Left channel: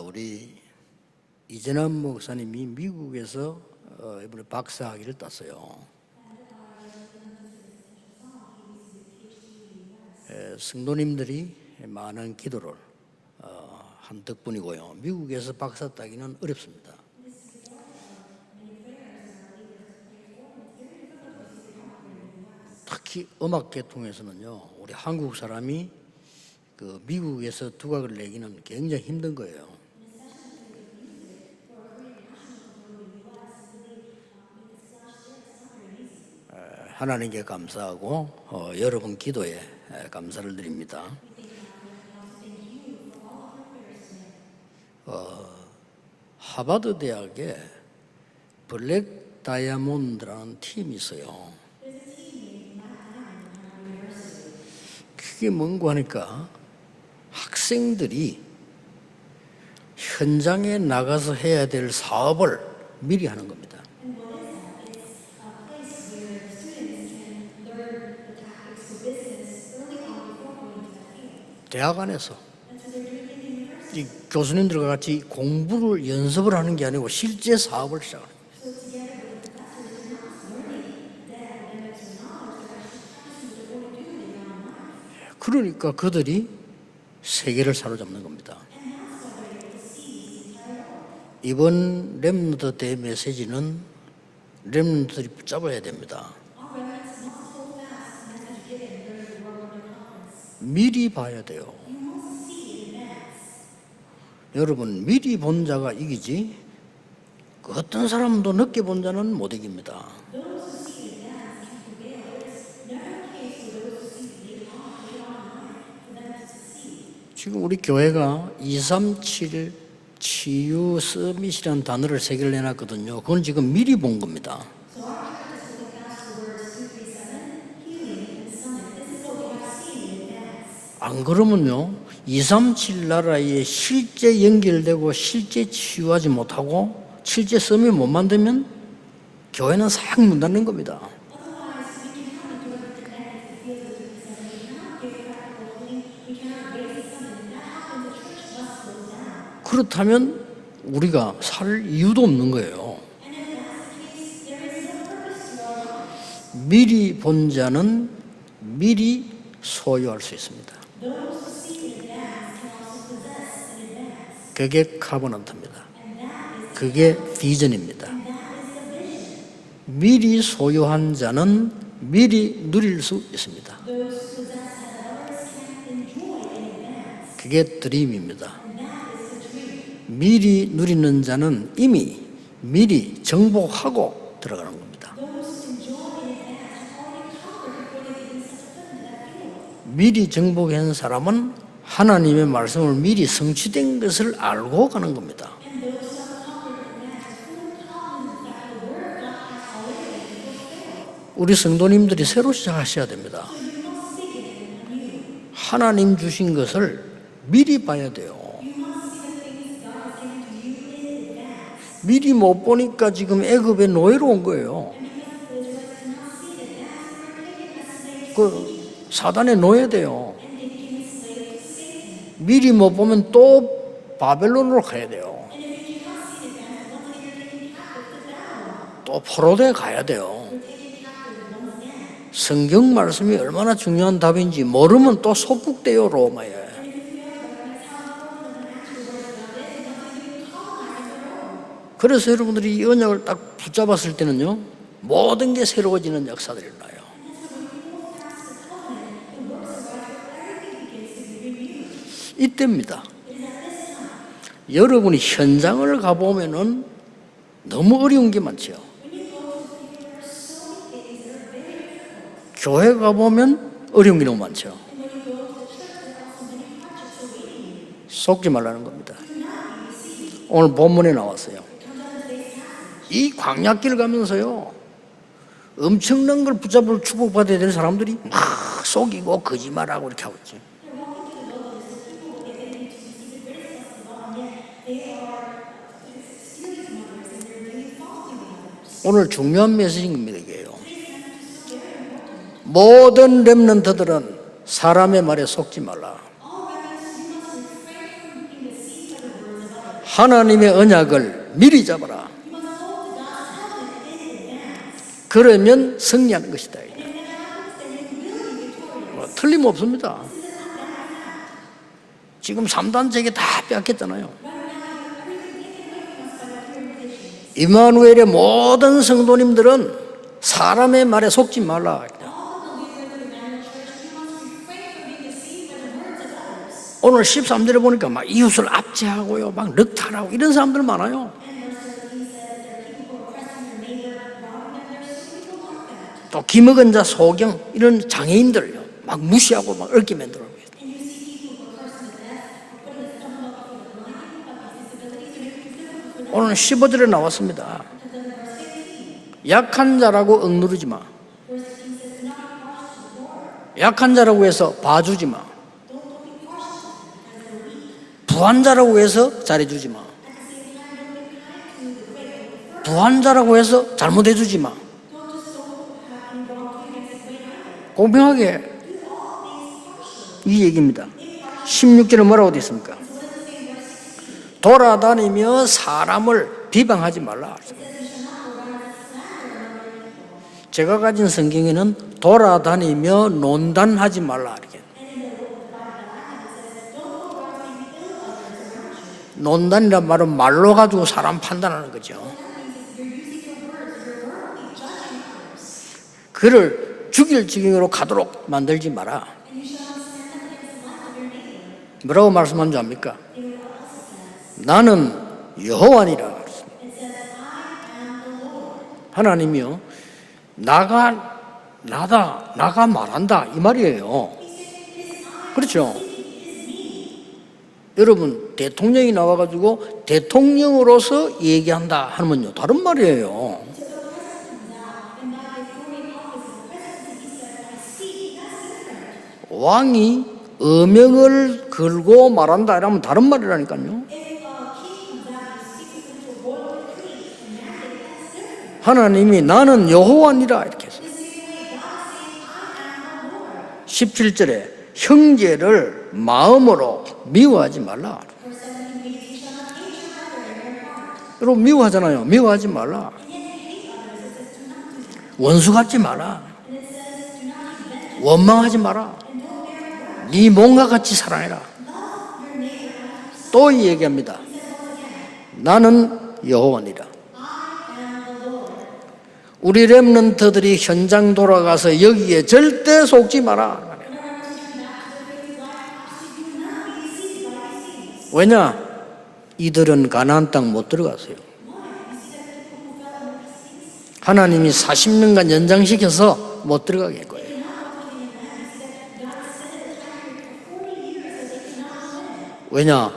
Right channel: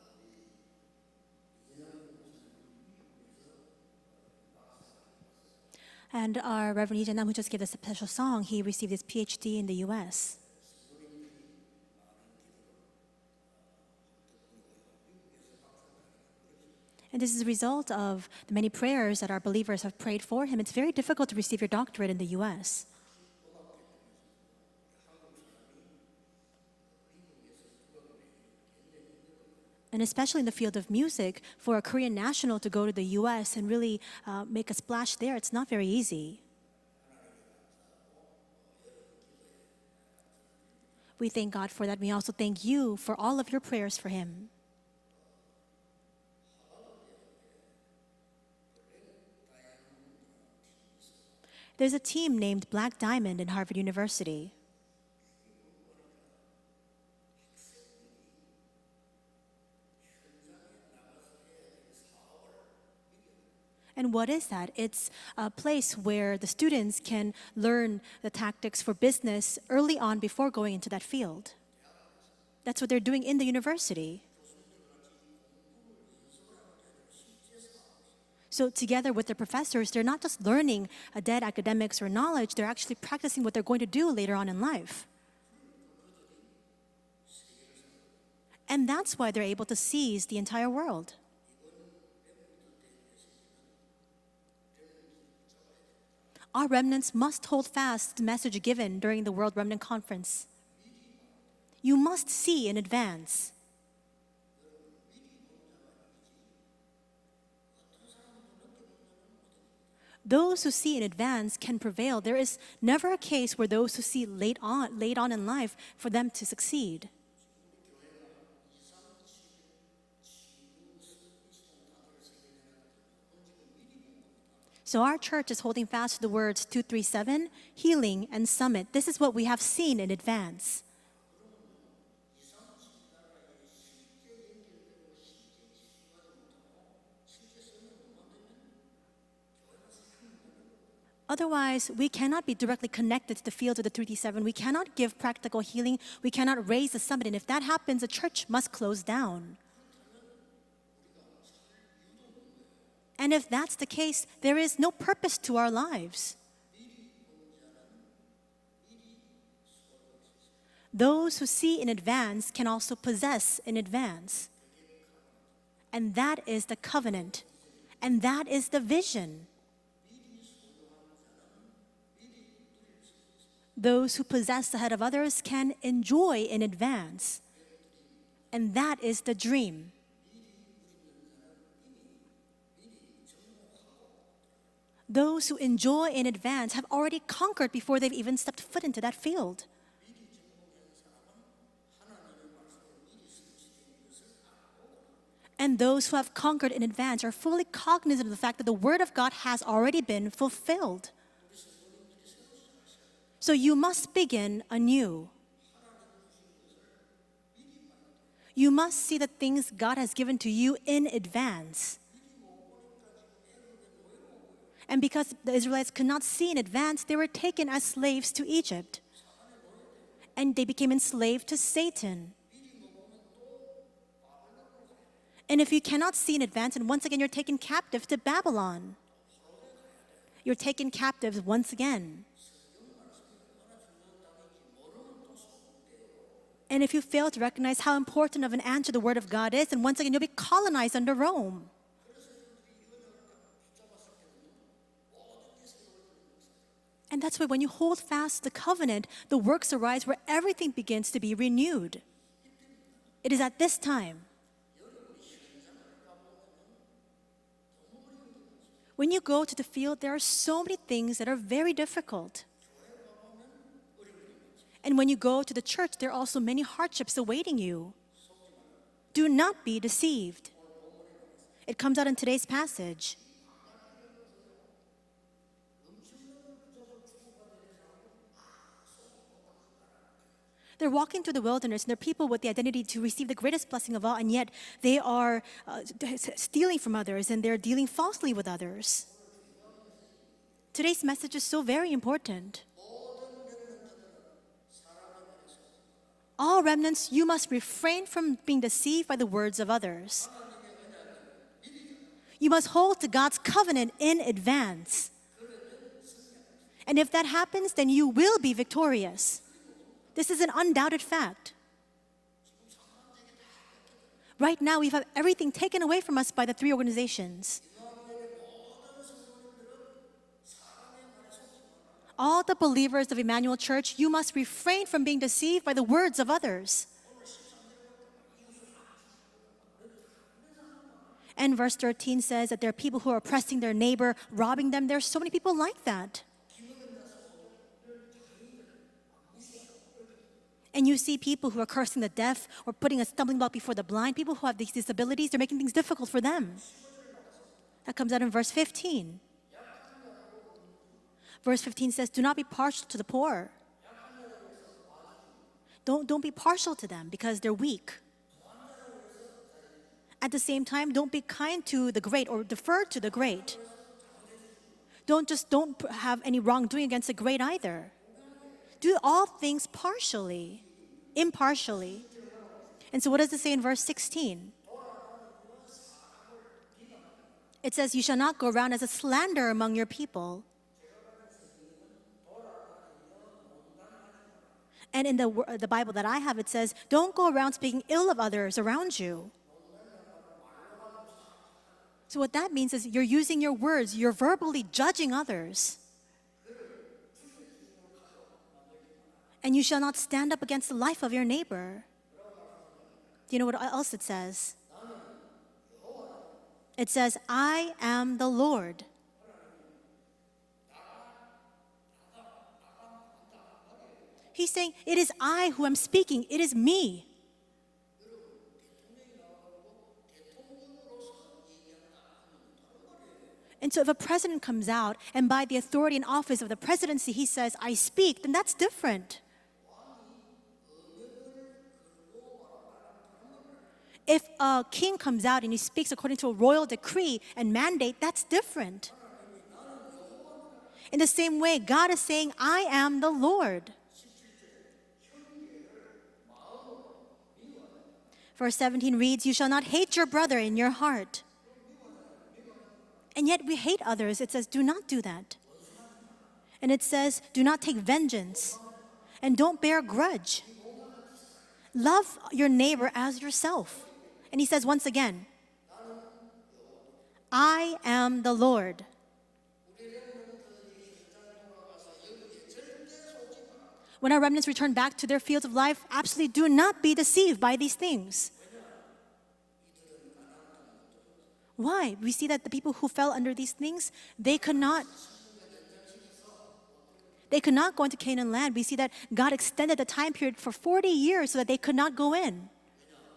우리 이재남 목사님이 미국에서 이번에 박사학위를 땄어요. And our Reverend Lee Jae-nam, who just gave us a special song, he received his PhD in the U.S. 성도님들이 많은 기도를 한 덕분이고요. 미국에서 박사 따기는 어렵습니다. And this is a result of the many prayers that our believers have prayed for him. It's very difficult to receive your doctorate in the U.S. 특히 음악 계통에서는요, 우리 한국 사람이 그 미국에서 두각을 내기는 굉장히 힘든 거예요. And especially in the field of music, for a Korean national to go to the U.S. and really make a splash there, it's not very easy. 하나님께 감사하고 여러분 기도에 감사를 드립니다. We thank God for that. We also thank you for all of your prayers for him. 하버드 대학에 블랙 다이아몬드라는 팀이 있어요. There's a team named Black Diamond in Harvard University. 그게 뭔가 하니까 학생들이 현장에 나가서 해야 될 사업을 미리 하는 겁니다. And what is that? It's a place where the students can learn the tactics for business early on before going into that field. 대학 안에서 That's what they're doing in the university. 교수님들과 같이 공부를 연습을 하는 게 아니고 실제 사업을 시작하는 거예요. So together with their professors, they're not just learning a dead academics or knowledge, they're actually practicing what they're going to do later on in life. 그러니까 그들이 세계를 사로잡는 겁니다. And that's why they're able to seize the entire world. 이번 렘넌트 대 메시지는 렘넌트들이 붙잡아야 됩니다. Our remnants must hold fast the message given during the World Remnant Conference. 미리 봐야 돼요. You must see in advance. 여러분, 미리 본 자가 이기지 그 어떤 사람도 늦게 본 자는 못 이깁니다. Those who see in advance can prevail. There is never a case where those who see late on in life for them to succeed. 지금 우리 교회가 237 치유 서밋이라는 단어를 세계를 내놨거든요. 그건 지금 미리 본 겁니다. So our church is holding fast to the words 237, healing and summit. This is what we have seen in advance. 안 그러면요, 237 나라에 실제 연결되고 실제 치유하지 못하고 실제 서밋 못 만들면 교회는 싹 문 닫는 겁니다. Otherwise, we cannot be directly connected to the field of the 3D7. We cannot give practical healing. We cannot raise the summit. And if that happens, the church must close down. 그렇다면 우리가 살 이유도 없는 거예요. And if that's the case, there is no purpose to our lives. 미리 본 자는 미리 소유할 수 있습니다. Those who see in advance can also possess in advance. 그게 카버넌트입니다. And that is the 그게 covenant. 비전입니다. And that is the vision. 미리 소유한 자는 미리 누릴 수 있습니다. Those who possess ahead of others can enjoy in advance. 그게 드림입니다. And that is the dream. 미리 누리는 자는 이미 미리 정복하고 들어가는 겁니다. Those who enjoy in advance have already conquered before they've even stepped foot into that field. 미리 정복한 사람은 하나님의 말씀을 미리 성취된 것을 알고 가는 겁니다. And those who have conquered in advance are fully cognizant of the fact that the word of God has already been fulfilled. 우리 성도님들이 새로 시작하셔야 됩니다. So you must begin anew. 하나님 주신 것을 미리 봐야 돼요. You must see the things God has given to you in advance. 미리 못 보니까 지금 애굽에 노예로 온 거예요. And because the Israelites could not see in advance, they were taken as slaves to Egypt. 사단의 노예돼요. And they became enslaved to Satan. 미리 못 보면 또 바벨론으로 가야 돼요. And if you cannot see in advance, and once again you're taken captive to Babylon. 또 포로대 가야 돼요. You're taken captive once again. 성경 말씀이 얼마나 중요한 답인지 모르면 또 속국돼요, 로마에. And if you fail to recognize how important of an answer the word of God is, then once again you'll be colonized under Rome. 그래서 여러분들이 이 언약을 딱 붙잡았을 때는요, 모든 게 새로워지는 역사들이 나요. And that's why when you hold fast the covenant, the works arise where everything begins to be renewed. 이때입니다. It is at this time. 여러분이 현장을 가보면은 너무 어려운 게 많죠. When you go to the field, there are so many things that are very difficult. 교회 가보면 어려운 게 너무 많죠. And when you go to the church, there are also many hardships awaiting you. 속지 말라는 겁니다. Do not be deceived. 오늘 본문에 나왔어요. It comes out in today's passage. 이 광야길 가면서요, 엄청난 걸 붙잡을 축복받아야 될 사람들이 막 속이고 거짓말하고 이렇게 하고 있죠. They're walking through the wilderness, and they're people with the identity to receive the greatest blessing of all, and yet they are stealing from others, and they're dealing falsely with others. 오늘 중요한 메시지입니다, 이게요. Today's message is so very important. 모든 렘넌트들은 사람의 말에 속지 말라. All remnants, you must refrain from being being deceived by the words of others. 하나님의 언약을 미리 잡아라. You must hold to God's covenant in advance. 그러면 승리하는 것이다. And if that happens, then you will be victorious. 틀림없습니다. This is an undoubted fact. 지금 3단체계 다 빼앗겼잖아요. Right now, we have everything taken away from us by the three organizations. 임마누엘의 모든 성도님들은 사람의 말에 속지 말라. All the believers of Emmanuel Church, you must refrain from being deceived by the words of others. 오늘 13절에 보니까 막 이웃을 압제하고요, 막 늑탈하고 이런 사람들 많아요. And verse 13 says that there are people who are oppressing their neighbor, robbing them. There are so many people like that. 또 기먹은 자, 소경 이런 장애인들요, 막 무시하고 막 얽게 만들어요. And you see people who are cursing the deaf or putting a stumbling block before the blind, people who have these disabilities, they're making things difficult for them. 오늘 15절에 나왔습니다. That comes out in verse 15. 약한 자라고 억누르지 마. Verse 15 says, do not be partial to the poor. 약한 자라고 해서 봐주지 마. Don't be partial to them because they're weak. 부한 자라고 해서 잘해주지 마. At the same time, don't be kind to the great or defer to the 부한 great. 자라고 해서 잘못해주지 마. Don't have any wrongdoing against the great either. 공평하게 Do all things partially, 이 얘기입니다. impartially. 16절에 뭐라고 되어 있습니까? And so what does it say in verse 16? 돌아다니며 사람을 비방하지 말라. It says, you shall not go around as a slanderer among your people. 제가 가진 성경에는 돌아다니며 논단하지 말라 이렇게. And in the Bible that I have, it says, don't go around speaking ill of others around you. 논단이란 말은 말로 가지고 사람 판단하는 So 거죠. what that means is you're using your words, you're verbally judging others. 그를 죽일 지경으로 가도록 만들지 마라. And you shall not stand up against the life of your neighbor. 뭐라고 말씀한 줄 압니까? Do you know what else it says? 나는 여호와니라. It says, I am the Lord. 하나님이요, 나가 말한다 이 말이에요. He's saying, it is I who 그렇죠. am speaking. It is me. 여러분 대통령이 나와가지고 대통령으로서 얘기한다 하면요 다른 말이에요. And so if a president comes out and by the authority and office of the presidency he says, I speak, then that's different. 왕이 어명을 걸고 말한다 이러면 다른 말이라니까요. If a king comes out and he speaks according to a royal decree and mandate, that's different. 하나님이 나는 여호와니라 이렇게 In the same way, God is saying, I am the Lord. 17절에 형제를 마음으로 미워하지 말라. Verse 17 reads, you shall not hate your brother in your heart. 여러분 미워하잖아요. 미워하지 말라. And yet you hate others. It says, do not do that. 원수 같지 마라. And it says, do not take vengeance. 원망하지 마라. And don't bear grudge. 네 몸과 같이 사랑해라. Love your neighbor as yourself. 또 이 얘기합니다. And he says once again, 나는 여호와니라. I am the Lord. 우리 렘넌트들이 현장 돌아가서 여기에 절대 속지 마라. When our remnants return back to their fields of life, absolutely do not be deceived by these things. 왜냐? 이들은 가나안 땅 못 들어갔어요. Why? We see that the people who fell under these things, 하나님이 40년간 연장시켜서 못 들어가게 했고 they could not go into Canaan land. We see that God extended the time period for 40 years so that they could not go in. 왜냐?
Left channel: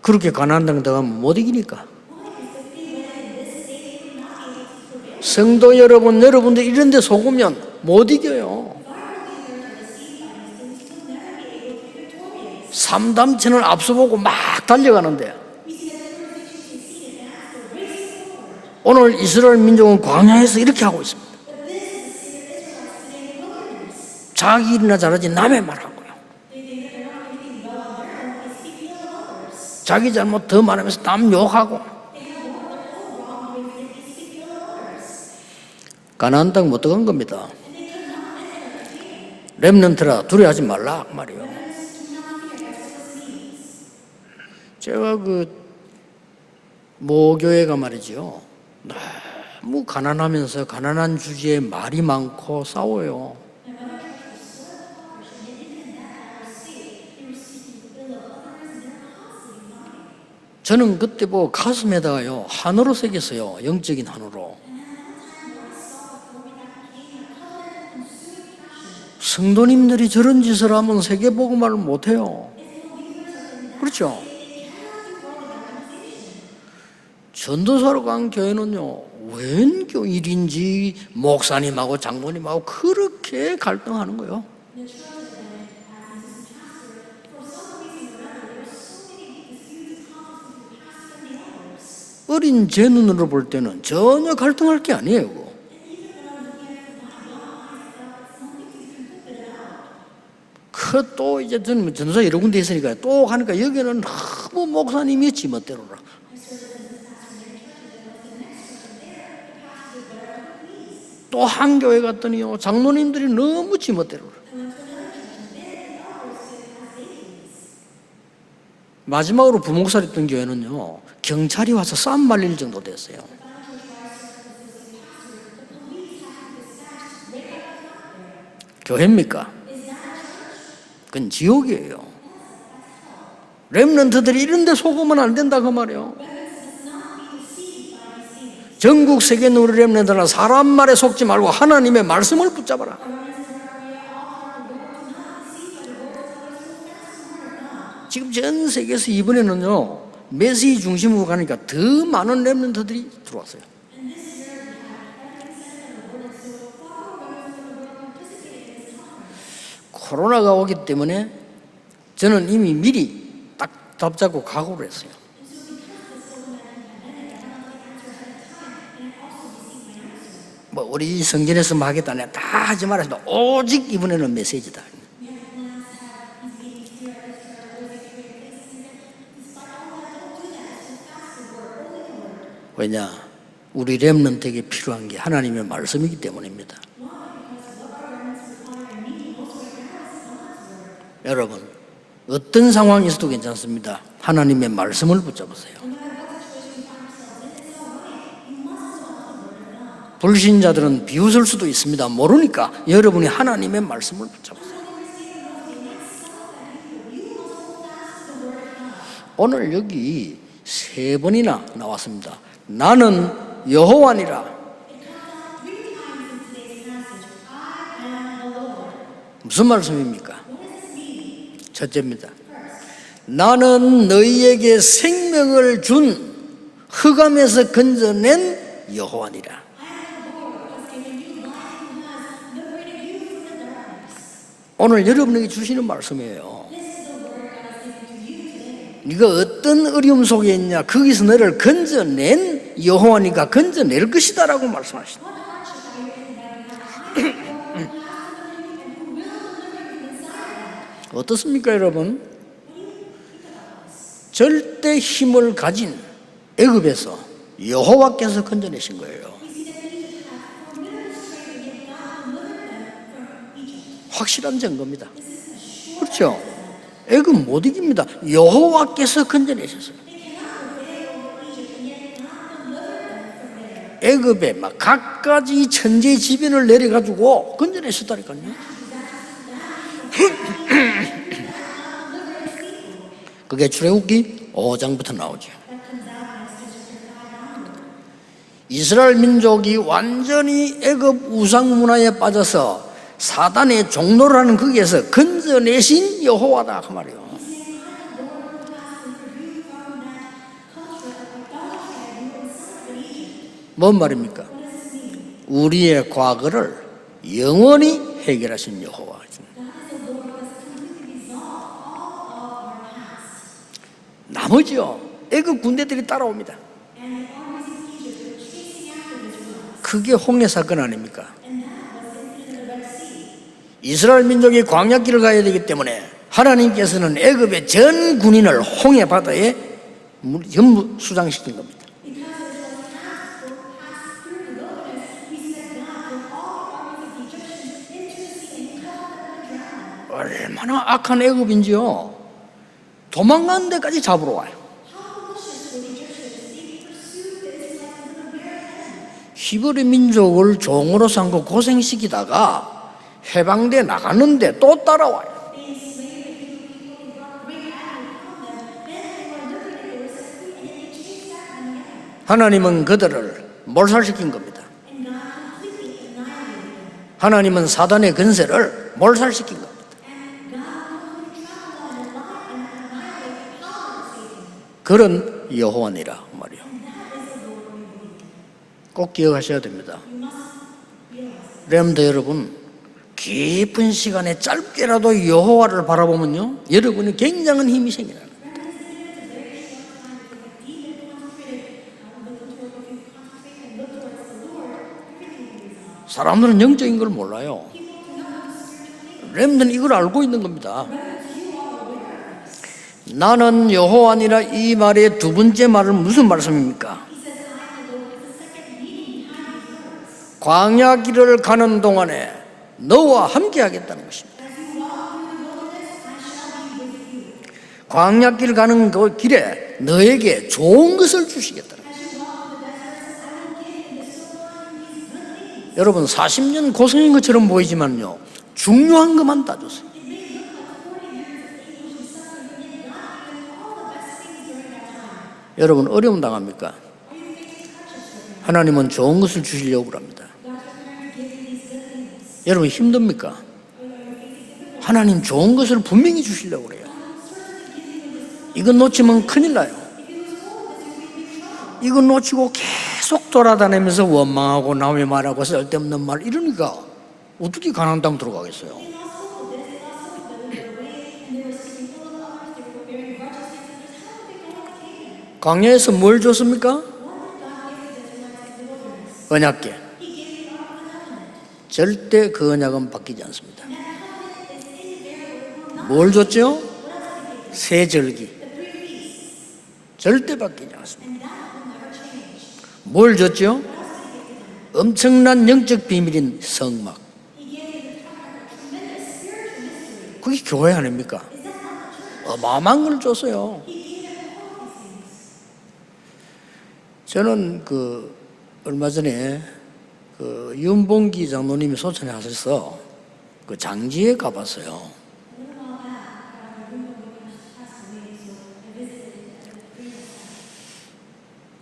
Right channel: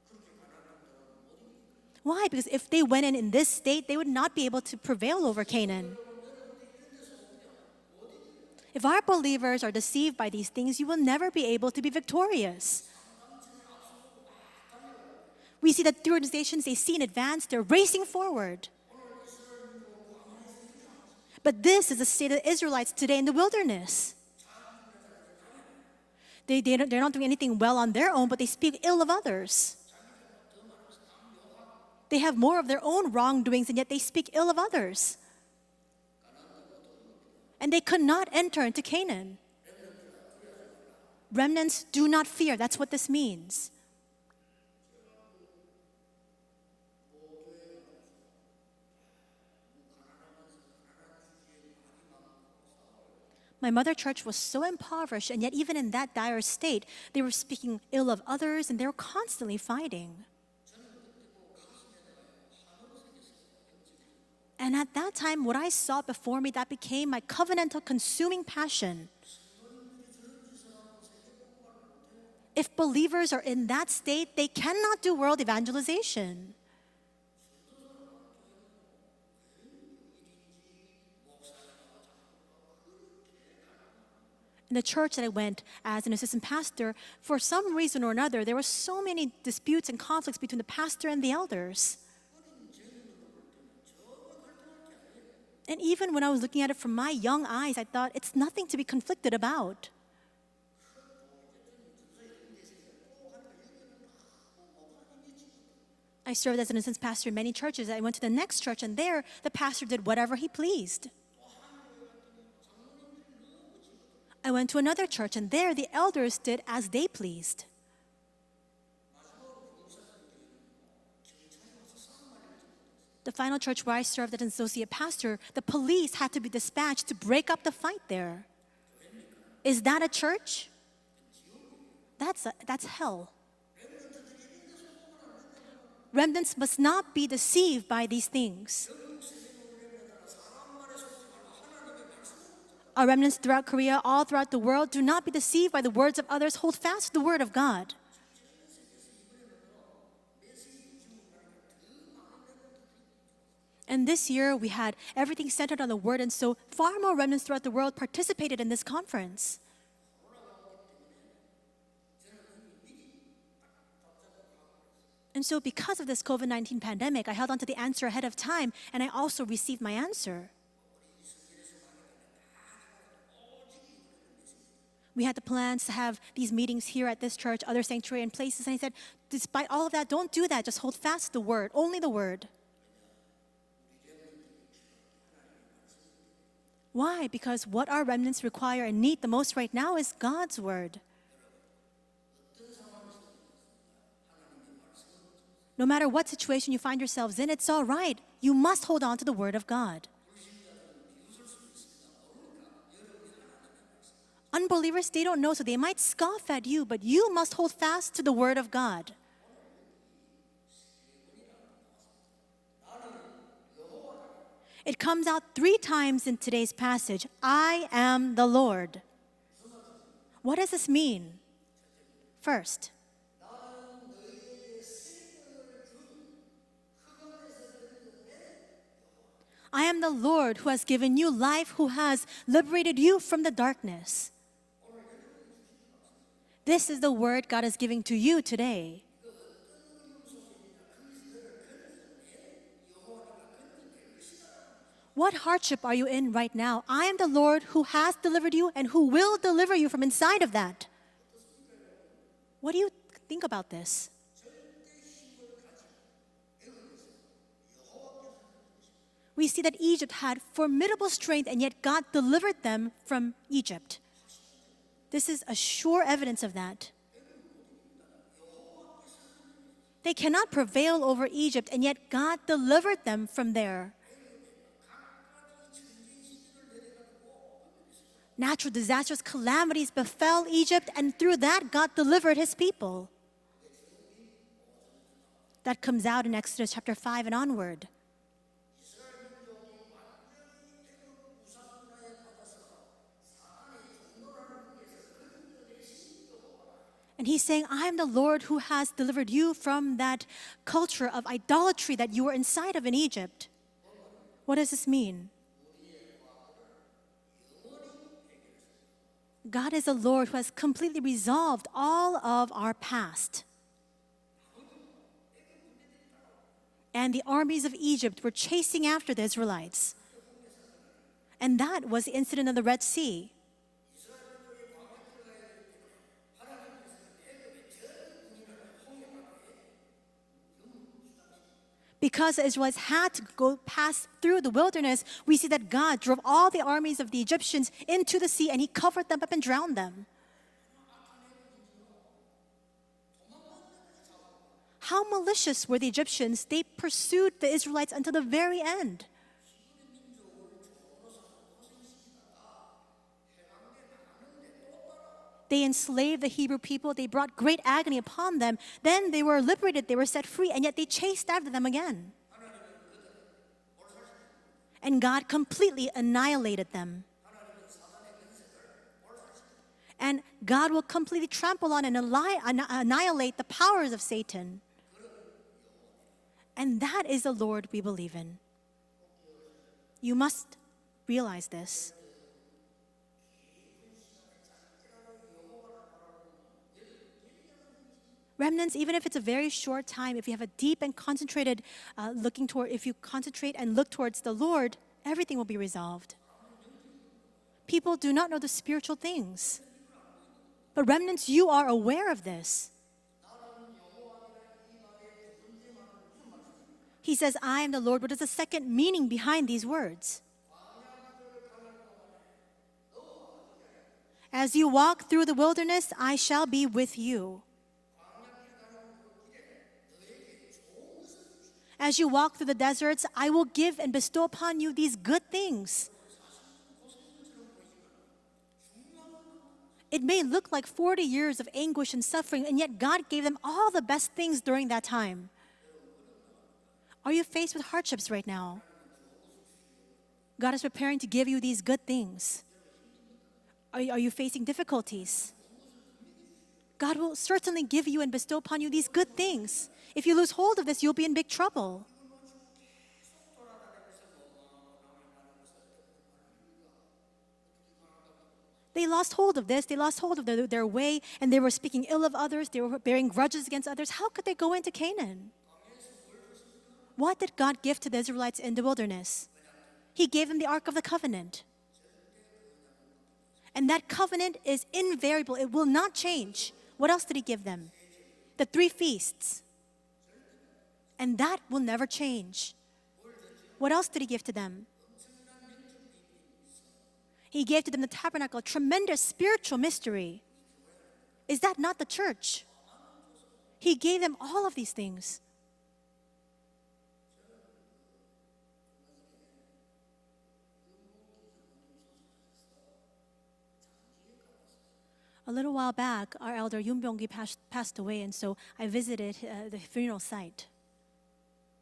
그렇게 가나안 땅 들어가면 못 이기니까. Why? Because if they went in this state, they would not be able to prevail over 성도 Canaan. 여러분들 이런 데 속으면 못 이겨요. If our believers are deceived by these things, you will never be able to be victorious. 3단체는 앞서보고 막 달려가는데 We see that the organizations they see in advance, they're racing forward. 오늘 이스라엘 민족은 광야에서 이렇게 하고 있습니다. But this is the state of the Israelites today in the wilderness. 자기 일이나 잘하지 남의 말하고요. They're not doing anything well on their own, but they speak ill of others. 자기 잘못 더 말하면서 남 욕하고 They have more of their own wrongdoings, and yet they speak ill of others. 가나안 땅 못 들어간 겁니다. And they could not enter into Canaan. 렘넌트라 두려워하지 말라 그 말이에요. Remnants do not fear. That's what this means. 제가 모교회가 말이죠. 너무 가난하면서 가난한 주제에 말이 많고 싸워요. My mother church was so impoverished, and yet even in that dire state, they were speaking ill of others, and they were constantly fighting. 저는 그때 가슴에다가요 한으로 새겼어요. 영적인 한으로. And at that time, what I saw before me, that became my covenantal consuming passion. 성도님들이 저런 짓을 하면 세계복음화를 못해요. If believers are in that 그렇죠. state, they cannot do world evangelization. 전도사로 간 교회는요 웬 교일인지 목사님하고 장로님하고 그렇게 갈등하는 거예요. In the church that I went as an assistant pastor, for some reason or another, there were so many disputes and conflicts between the pastor and the elders. 어린 제 눈으로 볼 때는 전혀 갈등할 게 아니에요. 그거. And even when I was looking at it from my young eyes, I thought it's nothing to be conflicted about. 또 이제 저는 전도사 여러 군데 있으니까 또 가니까 여기는 너무 목사님이 지멋대로라. I served as an assistant pastor in many churches. I went to the next church, and there the pastor did whatever he pleased. 또 한 교회 갔더니요 장로님들이 너무 지멋대로라. I went to another church, and there the elders did as they pleased. 마지막으로 부목사를 했던 교회는요 경찰이 와서 쌈 말릴 정도 됐어요. The final church where I served as an associate pastor, the police had to be dispatched to break up the fight there. 교회입니까? Is that a church? 그건 지옥이에요. That's hell. 렘넌트들이 이런 데 속으면 안 된다 그 말이에요. Remnants must not be deceived by these things. 전국 세계 우리 렘넌트는 사람 말에 속지 말고 하나님의 말씀을 붙잡아라. Our remnants throughout Korea, all throughout the world, do not be deceived by the words of others. Hold fast to the word of God. 지금 전 세계에서 이번에는요 메시지 중심으로 가니까 더 많은 렘넌트들이 들어왔어요. And this year we had everything centered on the word, and so far more remnants throughout the world participated in this conference. 코로나가 오기 때문에 저는 이미 미리 딱 답잡고 각오를 했어요. And so because of this COVID-19 pandemic, I held on to the answer ahead of time, and I also received my answer. 뭐 우리 성전에서 뭐 하겠다네 다 하지 말았습니다. 오직 이번에는 메시지다. We had the plans to have these meetings here at this church, other sanctuary and places, and I said, despite all of that, don't do that. Just hold fast to the word, only the word. 왜냐? 우리 렘넌트에게 필요한 게 하나님의 말씀이기 때문입니다. Why? Because what our remnants require and need the most right now is God's word. 여러분, 어떤 상황이 있어도 괜찮습니다. 하나님의 말씀을 붙잡으세요. No matter what situation you find yourselves in, it's all right. You must hold on to the word of God. 불신자들은 비웃을 수도 있습니다. 모르니까 여러분이 하나님의 말씀을 붙잡으세요. Unbelievers, they don't know, so they might scoff at you, but you must hold fast to the word of God. 오늘 여기 3번이나 나왔습니다. 나는 여호와니라. It comes out 3 times in today's passage. I am the Lord. 무슨 말씀입니까? What does this mean? 첫째입니다. First, 나는 너희에게 생명을 준 흑암에서 건져낸 여호와니라. I am the Lord who has given you life, who has liberated you from the darkness. 오늘 여러분에게 주시는 말씀이에요. This is the word God is giving to you today. 네가 어떤 어려움 속에 있냐 거기서 너를 건져낸 여호와니까 건져낼 것이다라고 말씀하시죠. What hardship are you in right now? I am the Lord who has delivered you and who will deliver you from inside of that. 어떻습니까 여러분? What do you think about this? 절대 힘을 가진 애굽에서 여호와께서 건져내신 거예요. We see that Egypt had formidable strength, and yet God delivered them from Egypt. 확실한 증거입니다. This is a sure 그렇죠? evidence of that. 애굽 못 이깁니다. 여호와께서 건져내셨어요. They cannot prevail over Egypt, and yet God delivered them from there. 애굽에 막 갖가지 천재지변을 내려가지고 건져내셨다니까요. Natural disasters, calamities befell Egypt, and through that God delivered His people. 그게 출애굽기 5장부터 나오죠. That comes out in Exodus chapter 5 and onward. 이스라엘 민족이 완전히 애굽 우상 문화에 빠져서 사단의 종노를 하는 거기에서 건져내신 여호와다 그 말이에요. And He's saying, I am the Lord who has delivered you from that culture of idolatry that you were inside of in Egypt. 뭔 말입니까? What does this mean? 우리의 과거를 영원히 해결하신 여호와. God is the Lord who has completely resolved all of our past. 나머지요 애굽 군대들이 따라옵니다. And the armies of Egypt were chasing after the Israelites. 그게 홍해 사건 아닙니까? And that was the incident of the Red Sea. 이스라엘 민족이 광야길을 가야 되기 때문에 하나님께서는 애굽의 전 군인을 홍해 바다에 전부 수장시킨 겁니다. Because the Israelites had to go pass through the wilderness, we see that God drove all the armies of the Egyptians into the sea, and He covered them up and drowned them. 얼마나 악한 애굽인지요. 도망가는 데까지 잡으러 와요. How malicious were the Egyptians? They pursued the Israelites until the very end. 히브리 민족을 종으로 삼고 고생시키다가 해방돼 나가는데 또 따라와요. They enslaved the Hebrew people. They brought great agony upon them. Then they were liberated. They were set free, and yet they chased after them again. 하나님은 그들을 몰살시킨 겁니다. And God completely annihilated them. 하나님은 사단의 근세를 몰살시킨 겁니다. And God will completely trample on and annihilate the powers of Satan. 그런 여호와니라 말이에요. And that is the Lord we believe in. 꼭 기억하셔야 됩니다. You must realize this. 여러분들 여러분 깊은 시간에 짧게라도 여호와를 바라보면요 여러분이 굉장한 힘이 생겨나요. Remnants, even if it's a very short time, if you have a deep and concentrated if you concentrate and look towards the Lord, everything will be resolved. 사람들은 영적인 걸 몰라요. People do not know the spiritual things. 렘넌트는 이걸 알고 있는 The 겁니다. remnants, you are aware of this. 나는 여호와니라 이 말의 두 번째 말은 무슨 말씀입니까? He says, I am the Lord. What is the second meaning behind these words? 광야 길을 가는 동안에 너와 함께 하겠다는 것입니다. As you walk through the wilderness, I shall be with you. 광야 길 가는 그 길에 너에게 좋은 것을 주시겠다. As you walk through the deserts, I will give and bestow upon you these good things. 여러분 40년 고생인 것처럼 보이지만요, 중요한 것만 따졌어요. It may look like 40 years of anguish and suffering, and yet God gave them all the best things during that time. 여러분 어려움 당합니까? Are you faced with hardships right now? 하나님은 좋은 것을 주시려고 합니다. God is preparing to give you these good things. 여러분 힘듭니까? Are you facing difficulties? 하나님 좋은 것을 분명히 주시려고 그래요. God will certainly give you and bestow upon you 이건 these 놓치면 good 큰일 things. 나요. If you lose hold of this, you'll be in big trouble. 이건 놓치고 계속 돌아다니면서 원망하고 남의 말하고 쓸데없는 말 이러니까 어떻게 가나안 땅 들어가겠어요? They lost hold of this, they lost hold of their way, and they were speaking ill of others, they were bearing grudges against others. How could they go into Canaan? 광야에서 뭘 줬습니까? What did God give to the Israelites in the wilderness? 언약궤. He gave them the Ark of the Covenant. 절대 그 언약은 바뀌지 않습니다. And that covenant is invariable. It will not 뭘 change. 줬죠? What else did he give them? 세 절기. The 3 feasts. 절대 바뀌지 않습니다. And that will never change. 뭘 줬죠? What else did he give to them? 엄청난 영적 비밀인 성막. He gave to them the tabernacle, a tremendous spiritual mystery. 그게 교회 아닙니까? Is that not the church? 어마어마한 걸 줬어요. He gave them all of these things. 저는 얼마 전에 윤봉기 장로님이 소천에 하셔서 장지에 가봤어요. A little while back, our elder Yoon Byung-gi passed away, and so I visited the funeral site.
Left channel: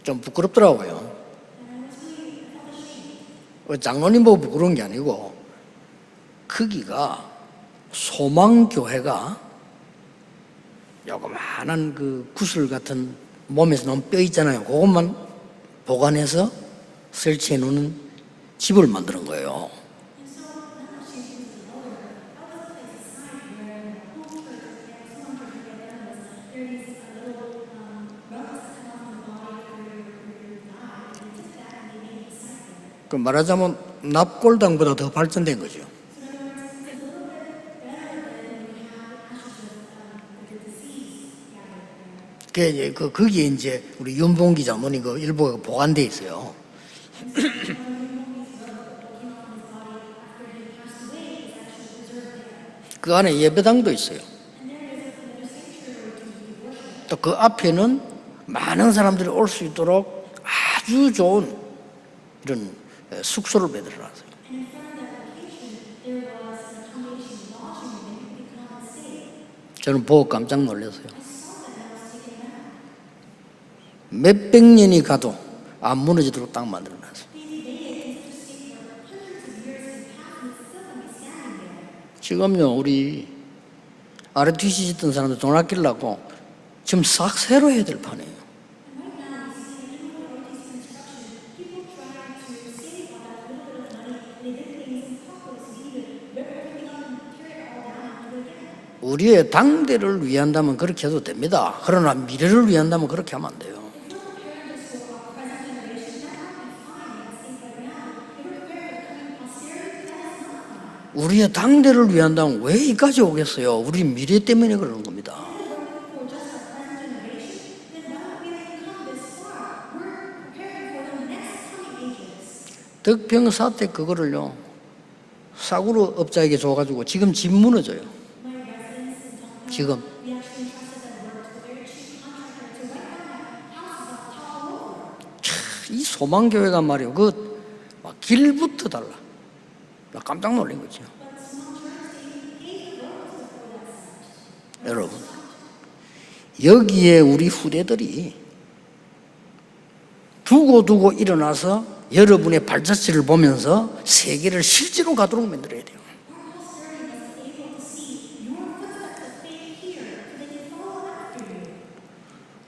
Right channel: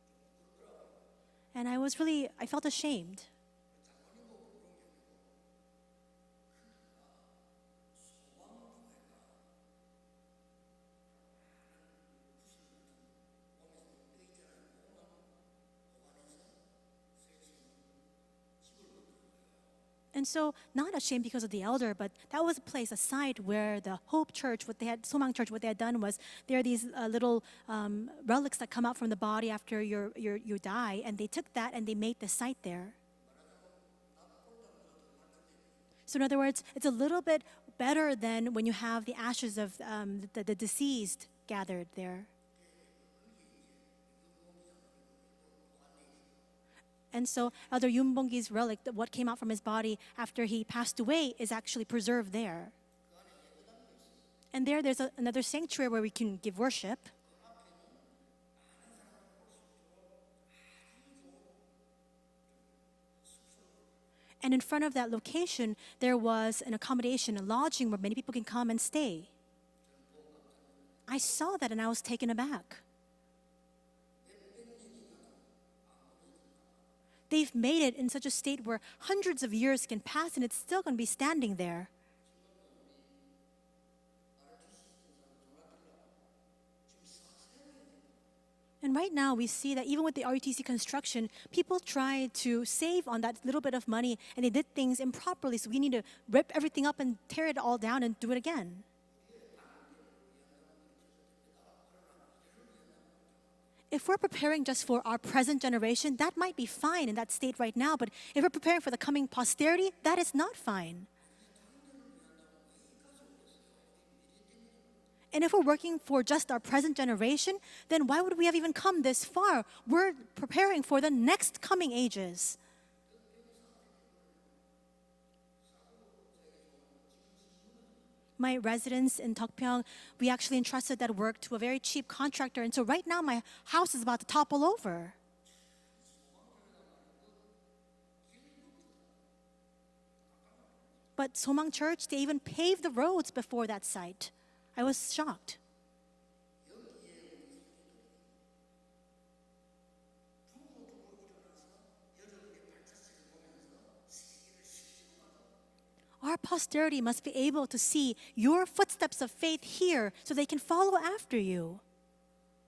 좀 부끄럽더라고요. And I felt ashamed. 장로님 보고 부끄러운 게 아니고 거기가 소망교회가 요거만한 구슬 같은 몸에서 나온 뼈 있잖아요. 그것만 보관해서 설치해 놓는 집을 만드는 거예요. And so, not ashamed because of the elder, but that was a place, a site where the Hope Church, Somang Church, what they had done was there are these little relics that come out from the body after you die, and they took that and they made the site there. 그 말하자면 납골당보다 더 발전된 거죠. So in other words, it's a little bit better than when you have the ashes of the deceased gathered there. 거기에 이제 우리 윤봉기 장로님 일부가 보관돼 있어요. And so, Mother Yoon Byung-gi's relic, what came out from his body after he passed away, is actually preserved there. 그 안에 예배당도 있어요. And there's another sanctuary where we can give worship. 또 그 앞에는 많은 사람들이 올 수 있도록 아주 좋은 이런 숙소를 만들어놨어요. And in front of that location, there was an accommodation, a lodging where many people can come and stay. 저는 보고 깜짝 놀랐어요. I saw that and I was taken aback. 몇백 년이 가도 안 무너지도록 딱 만들어놨어요. They've made it in such a state where hundreds of years can pass and it's still going to be standing there. 지금요 우리 RTC 짓던 사람들 돈 아끼려고 지금 싹 새로 해야 될 판이에요. And right now we see that even with the RUTC construction, people try to save on that little bit of money and they did things improperly. So we need to rip everything up and tear it all down and do it again. 우리의 당대를 위한다면 그렇게 해도 됩니다. 그러나 미래를 위한다면 그렇게 하면 안 돼요. If we're preparing just for our present generation, that might be fine in that state right now. But if we're preparing for the coming posterity, that is not fine. 우리의 당대를 위한다면 왜 이까지 오겠어요? 우리 미래 때문에 그러는 겁니다. And if we're working for just our present generation, then why would we have even come this far? We're preparing for the next coming ages. 덕평 사태 그거를요 사구로 업자에게 줘가지고 지금 집 무너져요. My residence in Tokpyeong, 지금. we actually entrusted that work to a very cheap contractor, and so right now my house is about to topple over. 이 소망교회가 말이요 막 길부터 달라. 나 깜짝 놀란 거죠. But Somang Church, they even paved the roads before that site. I was 여러분. shocked. 여기에 우리 후대들이 두고 일어나서 여러분의 발자취를 보면서 세계를 실제로 가도록 만들어야 돼요. Our posterity must be able to see your footsteps of faith here so they can follow after you.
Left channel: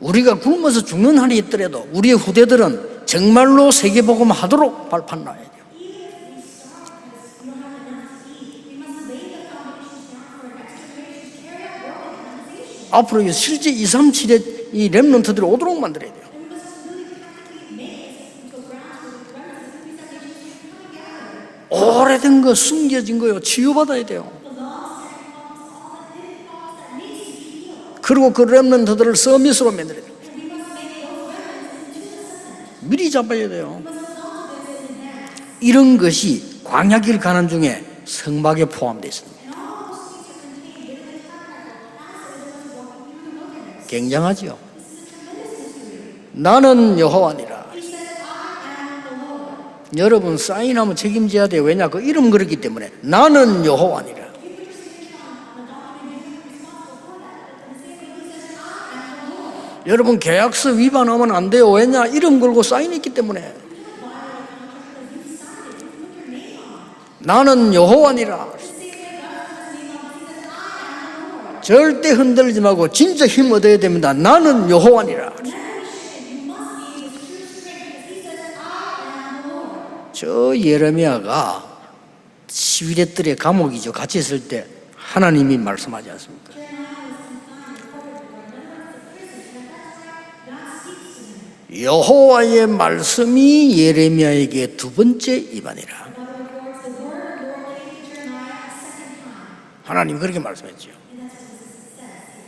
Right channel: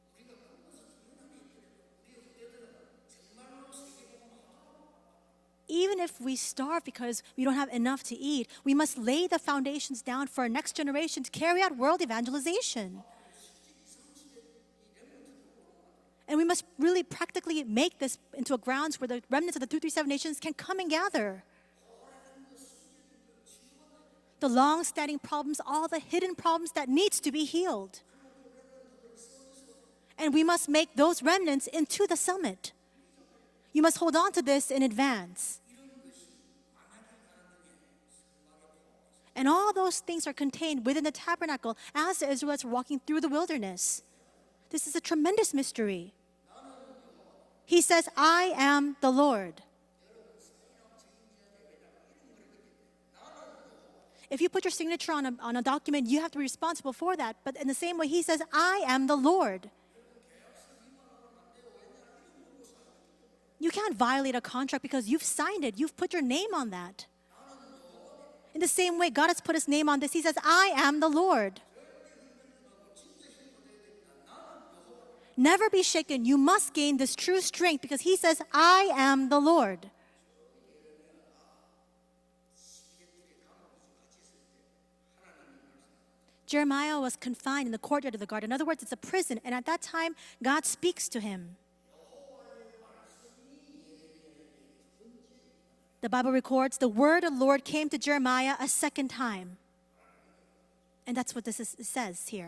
우리가 굶어서 죽는 한이 있더라도 우리의 후대들은 정말로 세계복음 하도록 발판 놔야 돼요. Even if we starve because we don't have enough to eat, we must lay the foundations down for our next generation to carry out world evangelization. 앞으로 실제 237의 이 렘넌트들이 오도록 만들어야 돼요. And we must really practically make this into a grounds where the remnants of the 237 nations can come and gather. 오래된 거, 숨겨진 거요, 치유받아야 돼요. The long-standing problems, all the hidden problems that needs to be healed. 그리고 그 렘넌트들을 서밋으로 만들어야 돼요. And we must make those remnants into the summit. 미리 잡아야 돼요. You must hold on to this in advance. 이런 것이 광야길 가는 중에 성막에 포함되어 있습니다. And all those things are contained within the tabernacle as the Israelites were walking through the wilderness. 굉장하지요. This is a tremendous mystery. 나는 여호와니라. He says, I am the Lord. 여러분 사인하면 책임져야 돼요. 왜냐? 그 이름 그렇기 때문에. 나는 여호와니라. If you put your signature on a document, you have to be responsible for that. But in the same way, he says, I am the Lord. 여러분 계약서 위반하면 안 돼요. 왜냐? 이름 걸고 사인했기 때문에. You can't violate a contract because you've signed it. You've put your name on that. 나는 여호와니라. In the same way, God has put his name on this. He says, I am the Lord. 절대 흔들지 말고 진짜 힘 얻어야 됩니다. 나는 여호와니라. Never be shaken. You must gain this true strength because he says, I am the Lord. 저 예레미야가 11의 뜰의 감옥이죠. 같이 있을 때 하나님이 말씀하지 않습니다. Jeremiah was confined in the courtyard of the garden. In other words, it's a prison. And at that time, God speaks to him. 여호와의 말씀이 예레미야에게 두 번째 임하니라. The Bible records the word of the Lord came to Jeremiah a second time. 하나님 그렇게 말씀했죠. And that's what this says here.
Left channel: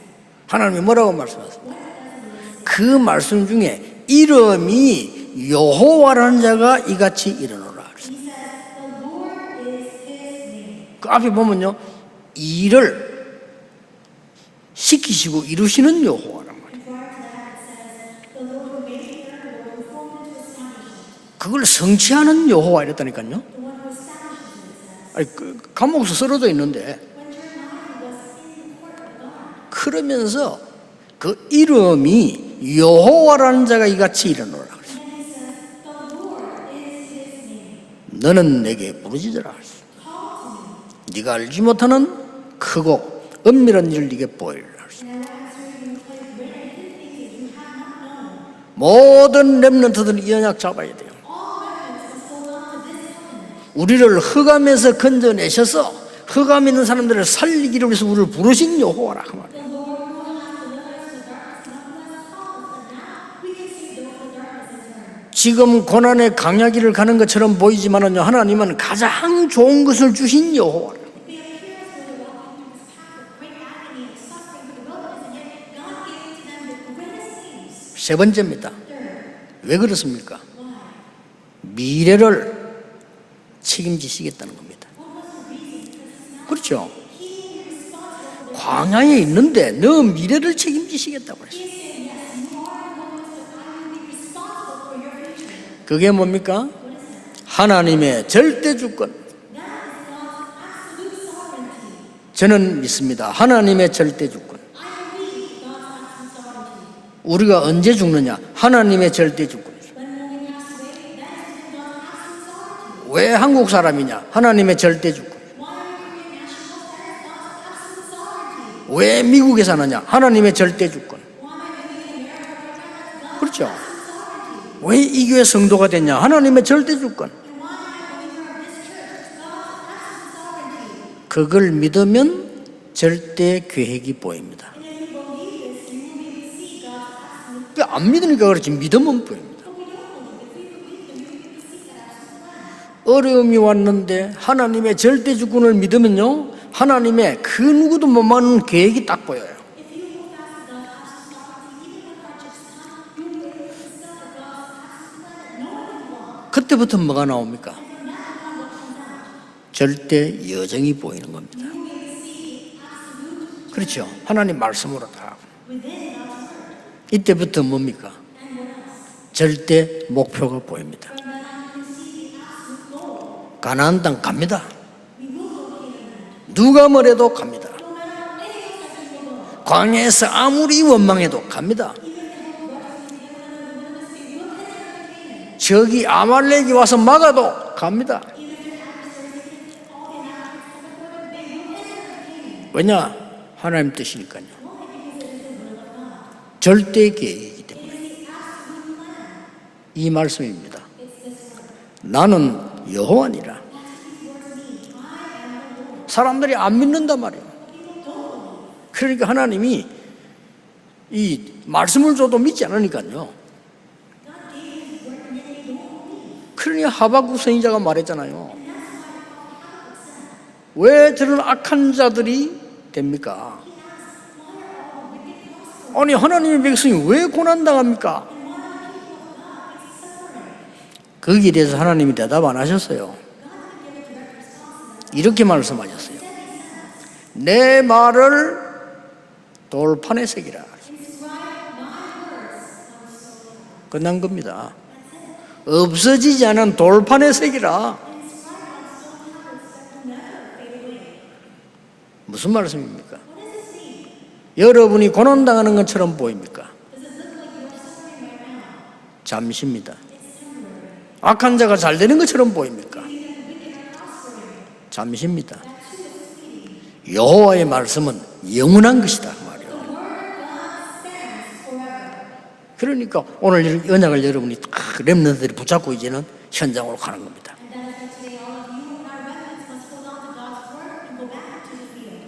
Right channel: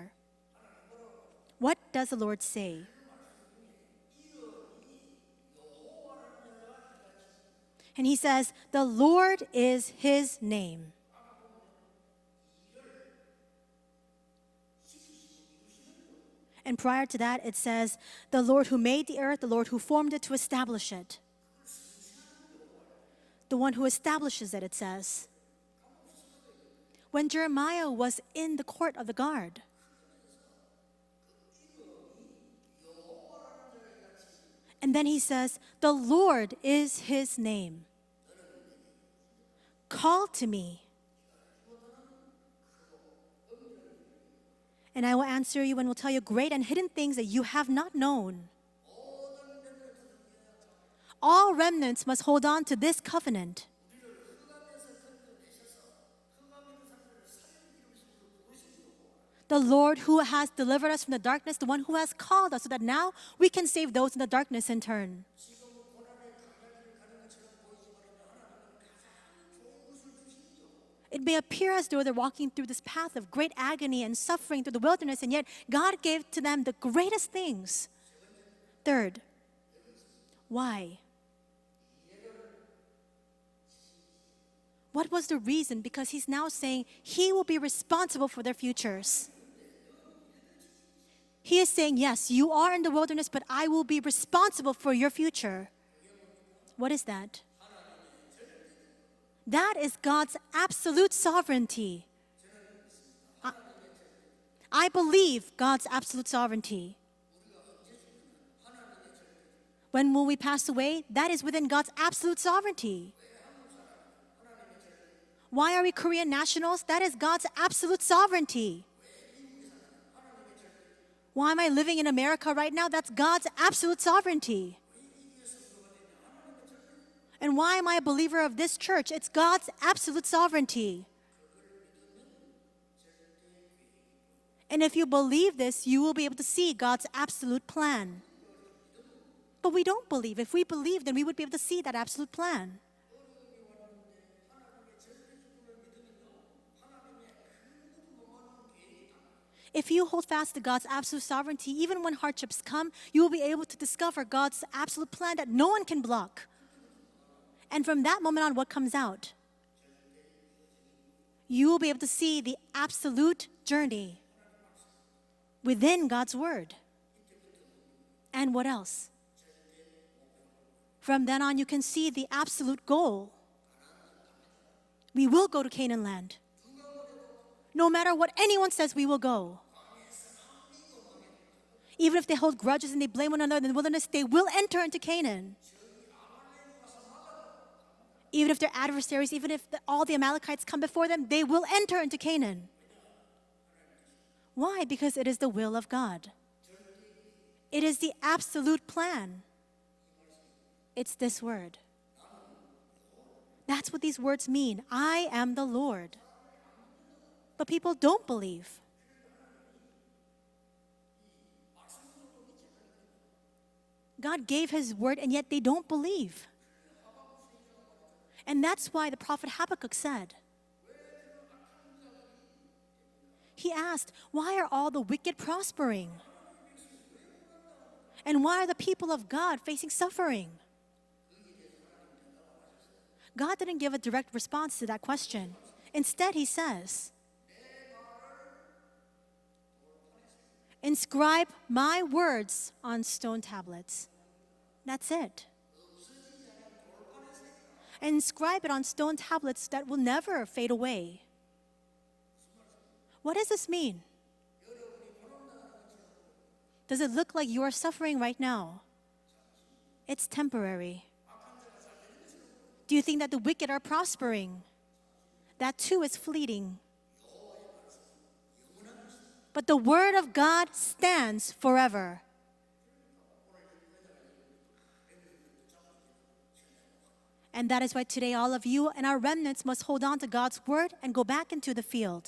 하나님이 뭐라고 말씀하세요? What does the Lord say? 그 말씀 중에 이름이 여호와라는 자가 이같이 이르노라. And he says, the Lord is his name. 그 앞에 보면요, 일을 시키시고 이루시는 여호와란 말이에요. And prior to that, it says, the Lord who made the earth, the Lord who formed it to establish it. 그걸 성취하는 여호와 이랬다니까요. The one who establishes it, it says. 아니, 감옥에서 쓰러져 있는데 When Jeremiah was in the court of the guard, 그러면서 그 이름이 여호와라는 자가 이같이 이르노라. and then he says, the Lord is his name. 너는 내게 부르짖으라. Call to me, 네가 알지 못하는 크고 은밀한 일을 네게 보이리라. and I will answer you and will tell you great and hidden things that you have not known. 모든 렘넌트들은 이 언약 잡아야 돼요. All remnants must hold on to this covenant. 우리를 흑암에서 건져내셔서 흑암에 있는 사람들을 살리기를 위해서 우리를 부르신 여호와라. 그 말. The Lord who has delivered us from the darkness, the one who has called us, so that now we can save those in the darkness in turn. 지금 고난의 강야길을 가는 것처럼 보이지만은요, 하나님은 가장 좋은 것을 주신 여호와라. It may appear as though they're walking through this path of great agony and suffering through the wilderness, and yet God gave to them the greatest things. 세 번째입니다. Third, 왜 그렇습니까? why? 미래를 책임지시겠다는 겁니다. What was the reason? Because he's now 그렇죠. saying he will be responsible for their 광야에 있는데 너 미래를 책임지시겠다고 그래요. He is saying, yes, you are in the wilderness, but I will be responsible for your future. 그게 뭡니까? What is that? 하나님의 절대 주권. That is God's absolute sovereignty. 저는 믿습니다. 하나님의 절대 주권. I believe God's absolute sovereignty. 우리가 언제 죽느냐? 하나님의 절대 주권. When will we pass away? That is within God's absolute sovereignty. 왜 한국 사람이냐? 하나님의 절대 주권. Why are we Korean nationals? That is God's absolute sovereignty. 왜 미국에 사느냐? 하나님의 절대 주권. Why am I living in America right now? That's God's 그렇죠. absolute sovereignty. 왜 이 교회 성도가 됐냐? 하나님의 절대 주권. And why am I a believer of this church? It's God's absolute sovereignty. 그걸 믿으면 절대 계획이 보입니다. And if you believe this, you will be able to see God's absolute 안 plan. 믿으니까 그렇지 믿으면 보입니다. But we don't believe. If we believe, then we would be able to see that absolute plan. 어려움이 왔는데 하나님의 절대 주권을 믿으면요, 하나님의 그 누구도 못 막는 계획이 딱 보여요. If you hold fast to God's absolute sovereignty, even when hardships come, you will be able to discover God's absolute plan that no one can block. 그때부터 뭐가 나옵니까? And from that moment on, what comes out? 절대 여정이 보이는 겁니다. You will be able to see the absolute journey 그렇죠. 하나님 말씀으로 다. within God's word. 이때부터 뭡니까? And what else? 절대 목표가 보입니다. From then on, you can see the absolute goal. 가나안 땅 갑니다. We will go to Canaan land. 누가 뭐래도 갑니다. No matter what anyone says, we will go. 광야에서 아무리 원망해도 갑니다. Even if they hold grudges and they blame one another in the wilderness, they will enter into Canaan. 저기 아말렉이 와서 막아도 갑니다. Even if they're adversaries, even if all the Amalekites come before them, they will enter into Canaan. 왜냐? 하나님 뜻이니까요. Why? Because it is the will of God. 절대 계획이기 때문에. It is the absolute plan. 이 말씀입니다. It's this word. 나는 여호와니라. That's what these words mean. I am the Lord. 사람들이 안 믿는단 말이에요. But people don't believe. 그러니까 하나님이 이 말씀을 줘도 믿지 않으니까요. God gave his word and yet they don't believe. 그러니 하박국 선지자가 말했잖아요. And that's why the prophet Habakkuk said, 왜 저런 악한 자들이 됩니까? he asked, why are all the wicked prospering? 아니 하나님의 백성이 왜 고난당합니까? And why are the people of God facing suffering? 거기에 대해서 하나님이 대답 안 하셨어요. God didn't give a direct response to that question. 이렇게 말씀하셨어요. Instead, he says, 내 말을 돌판에 새기라. inscribe my words on stone tablets. 끝난 겁니다. That's it. 없어지지 않은 돌판에 새기라. Inscribe it on stone tablets that will never fade away. 무슨 말씀입니까? What does this mean? 여러분이 고난당하는 것처럼 보입니까? Does it look like you are suffering right now? 잠시입니다. It's temporary. 악한 자가 잘 되는 것처럼 Do 보입니까? you think that the wicked are prospering? 잠시입니다. That too is fleeting. 여호와의 말씀은 영원한 것이다. But the word of God stands forever. 그러니까 오늘 이 언약을 여러분이 딱 렘넌트들이 붙잡고 이제는 현장으로 가는 겁니다. And that is why today all of you and our remnants must hold on to God's word and go back into the field.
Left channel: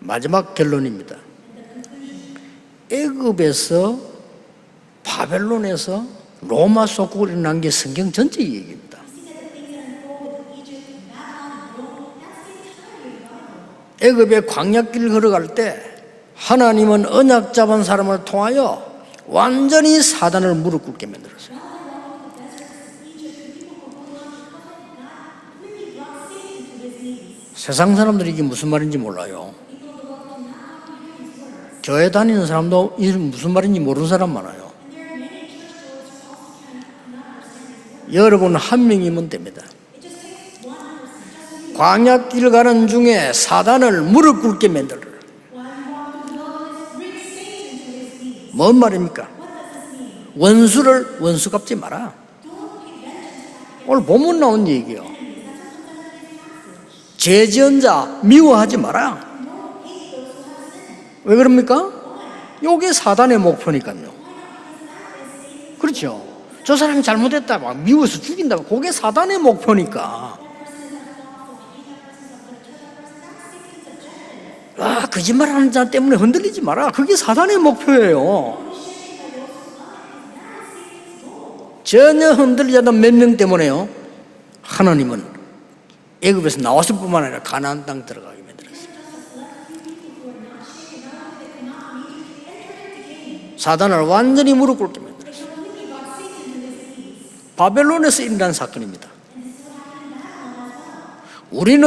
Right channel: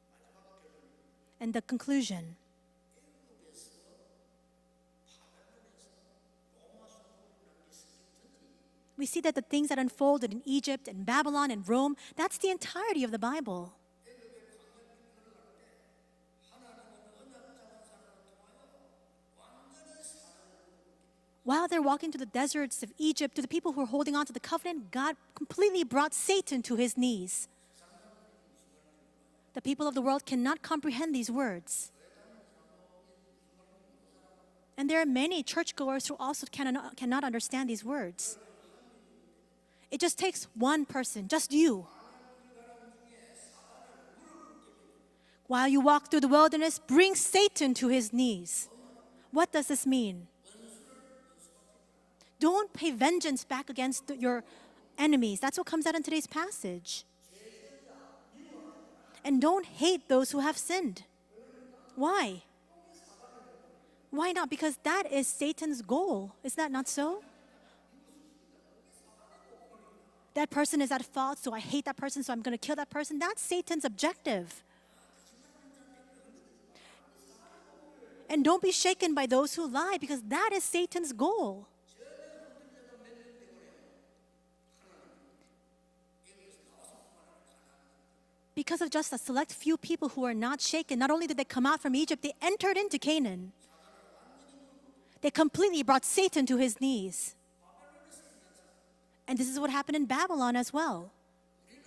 마지막 결론입니다. And the conclusion. 애굽에서 바벨론에서 로마 속국을 일어난 게 성경 전체 얘기입니다. We see that the things that unfolded in Egypt and Babylon and Rome, that's the entirety of the Bible. 애굽의 광야길을 걸어갈 때 하나님은 언약 잡은 사람을 통하여 완전히 사단을 무릎 꿇게 만들었어요. While they're walking through the deserts of Egypt, to the people who are holding on to the covenant, God completely brought Satan to his knees. 세상 사람들이 이게 무슨 말인지 몰라요. The people of the world cannot comprehend these words. 교회 다니는 사람도 이게 무슨 말인지 모르는 사람 많아요. And there are many churchgoers who also cannot understand these words. 여러분 한 명이면 됩니다. It just takes one person, just you. 광야길 가는 중에 사단을 무릎 꿇게 만들어. While you walk through the wilderness, bring Satan to his knees. 뭔 말입니까? What does this mean? 원수를 원수 갚지 마라. Don't pay vengeance back 오늘 against 본문 나온 얘기예요. enemies. That's what comes out in today's passage. 죄 지은 자 미워하지 마라. And don't hate those who have sinned. 왜 그럽니까? Why? 이게 사단의 목표니까요. Why not? Because that is Satan's 그렇죠. goal. Is that 저 사람이 잘못했다 막 미워서 죽인다. 그게 사단의 목표니까. that person is at fault, so I hate that person, so I'm going to kill that person? That's Satan's objective. 아, 거짓말하는 자 때문에 흔들리지 마라. 그게 사단의 목표예요. Don't be shaken by those who lie, because that is Satan's goal. 전혀 흔들리지 않는 몇 명 때문에요. 하나님은 애굽에서 나왔을 뿐만 아니라 가나안 땅 들어가게 만들었어요. Because of just a select few people who are not shaken, not only did they come out from Egypt, they entered into Canaan. 사단을 완전히 무릎 꿇게 만들었어요. They completely brought Satan to his knees. 바벨론에서 일어난 사건입니다. And this is what happened in Babylon as well. 우리는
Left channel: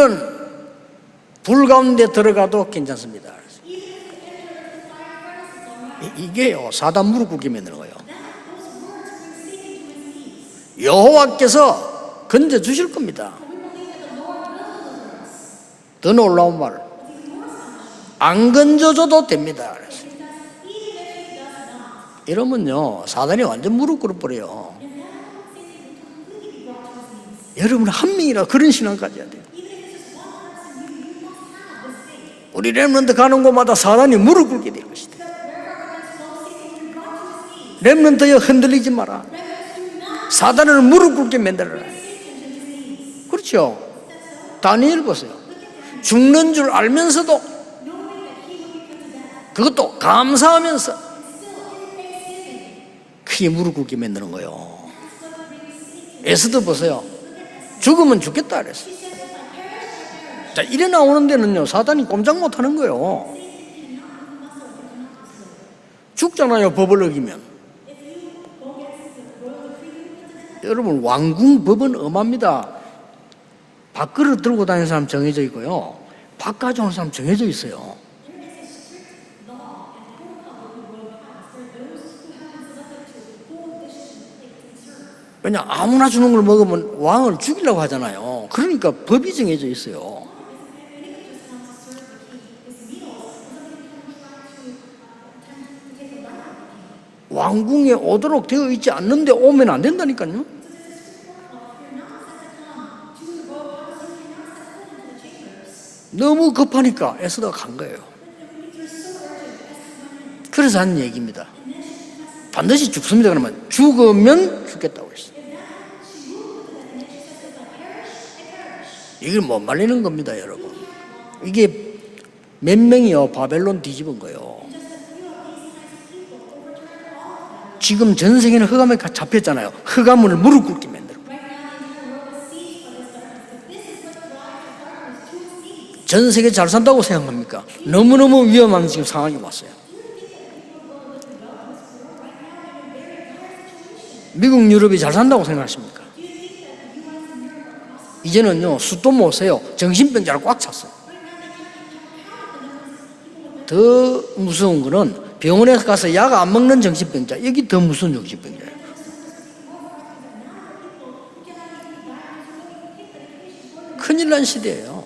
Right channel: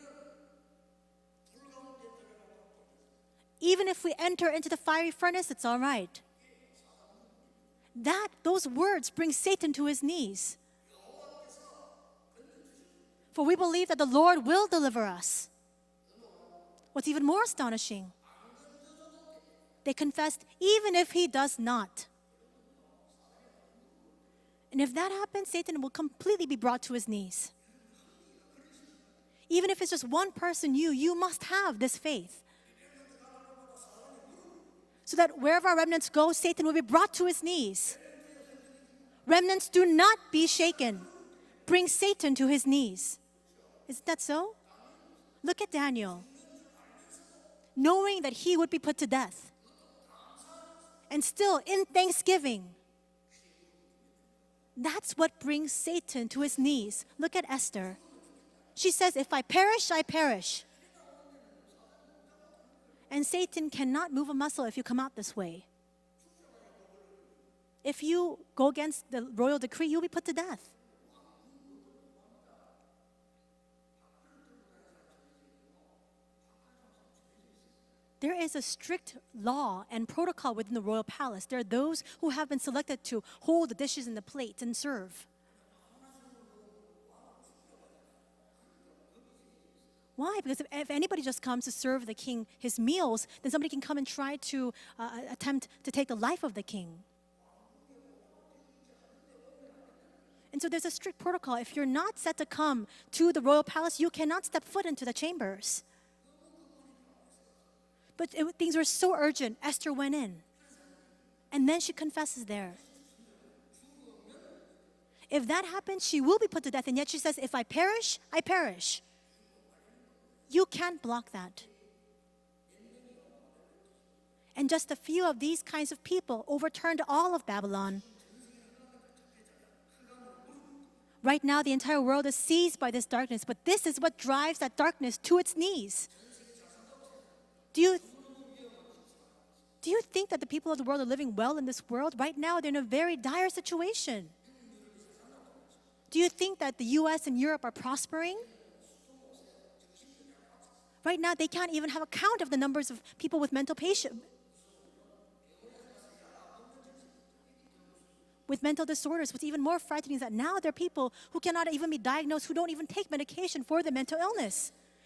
불 가운데 들어가도 괜찮습니다. Even if we enter into the fiery furnace, it's all right. 이게요 사단 무릎 꿇게 만드는 거예요. Those words bring Satan to his knees. 여호와께서 건져 주실 겁니다. For we believe that the Lord will deliver us. 더 놀라운 말, What's even more astonishing, 안 건져줘도 됩니다. they confess even if he does not. 이러면요 사단이 완전 무릎 꿇어버려요. And if that happens, Satan will completely be brought to his knees. 여러분 한 명이라 그런 신앙 가져야 돼요. Even if it's just one person, you must have this faith. 우리 렘넌트 가는 곳마다 사단이 무릎 꿇게 될 것이다. So that wherever our remnants go, Satan will be brought to his knees. 렘넌트여 흔들리지 마라. Remnants do not 사단을 무릎 꿇게 만들어라. bring Satan to his knees. 그렇죠. Isn't that so? 다니엘 보세요. Look at Daniel. 죽는 줄 알면서도 Knowing that he would be put to death. 그것도 감사하면서 And still in thanksgiving. 크게 무릎 꿇게 만드는 거예요. That's what brings Satan. 에스더 보세요. Look at Esther. 죽으면 죽겠다 그랬어. She says, if I perish, I perish. 자, 이래 나오는 데는요 사단이 꼼짝 못 하는 거예요. And Satan cannot move a muscle if you come out this way. 죽잖아요 법을 어기면. If you go against the royal decree, you'll be put to death. 여러분 왕궁 법은 엄합니다. 밥그릇 들고 다니는 사람 정해져 있고요. 밥 가져오는 사람 정해져 있어요. There is a strict law and protocol within the royal palace. There are those who have been selected to hold the dishes and the plates and serve. 왜냐 아무나 주는 걸 먹으면 왕을 죽이려고 하잖아요. 그러니까 법이 정해져 있어요. Why? Because if anybody just comes to serve the king his meals, then somebody can come and try to attempt to take the life of the king. 왕궁에 오도록 되어 있지 않는데 오면 안 된다니까요. And so there's a strict protocol. If you're not set to come to the royal palace, you cannot step foot into the chambers. 너무 급하니까 에스더가 간 거예요. But things Things were so urgent. Esther went in. 그래서 하는 얘기입니다. And then she confesses that. 반드시 죽습니다. 그러면 죽으면 죽겠다고 했어요. If that happens, she will be put to death. And yet she says, if I perish, I perish. 이걸 못 말리는 겁니다, 여러분. You can't block that. 이게 몇 명이요 바벨론 뒤집은 거예요. And just a few of these kinds of people overturned all of Babylon. 지금 전 세계는 흑암에 잡혔잖아요. 흑암을 무릎 꿇게 만들어. Right now, the entire world is seized by this darkness, but this is what drives that darkness to its knees. 전 세계 잘 산다고 생각합니까? 너무너무 위험한 지금 상황이 왔어요. Do you think that the people of the world are living well in this world? Right now, they're in a very dire situation. 미국, 유럽이 잘 산다고 생각하십니까? Do you think that the U.S. and Europe are prospering? 이제는요 수도 못 세요. 정신병자로 꽉 찼어요. Right now, they can't even have a count of the numbers of people with mental 더 issues. 무서운 거는 병원에 가서 약 안 먹는 정신병자, 여기 더 무서운 With 정신병자. mental disorders, what's even more frightening is that now there are people who cannot even be diagnosed, who don't even take medication for the mental 큰일 난 illness. 시대예요.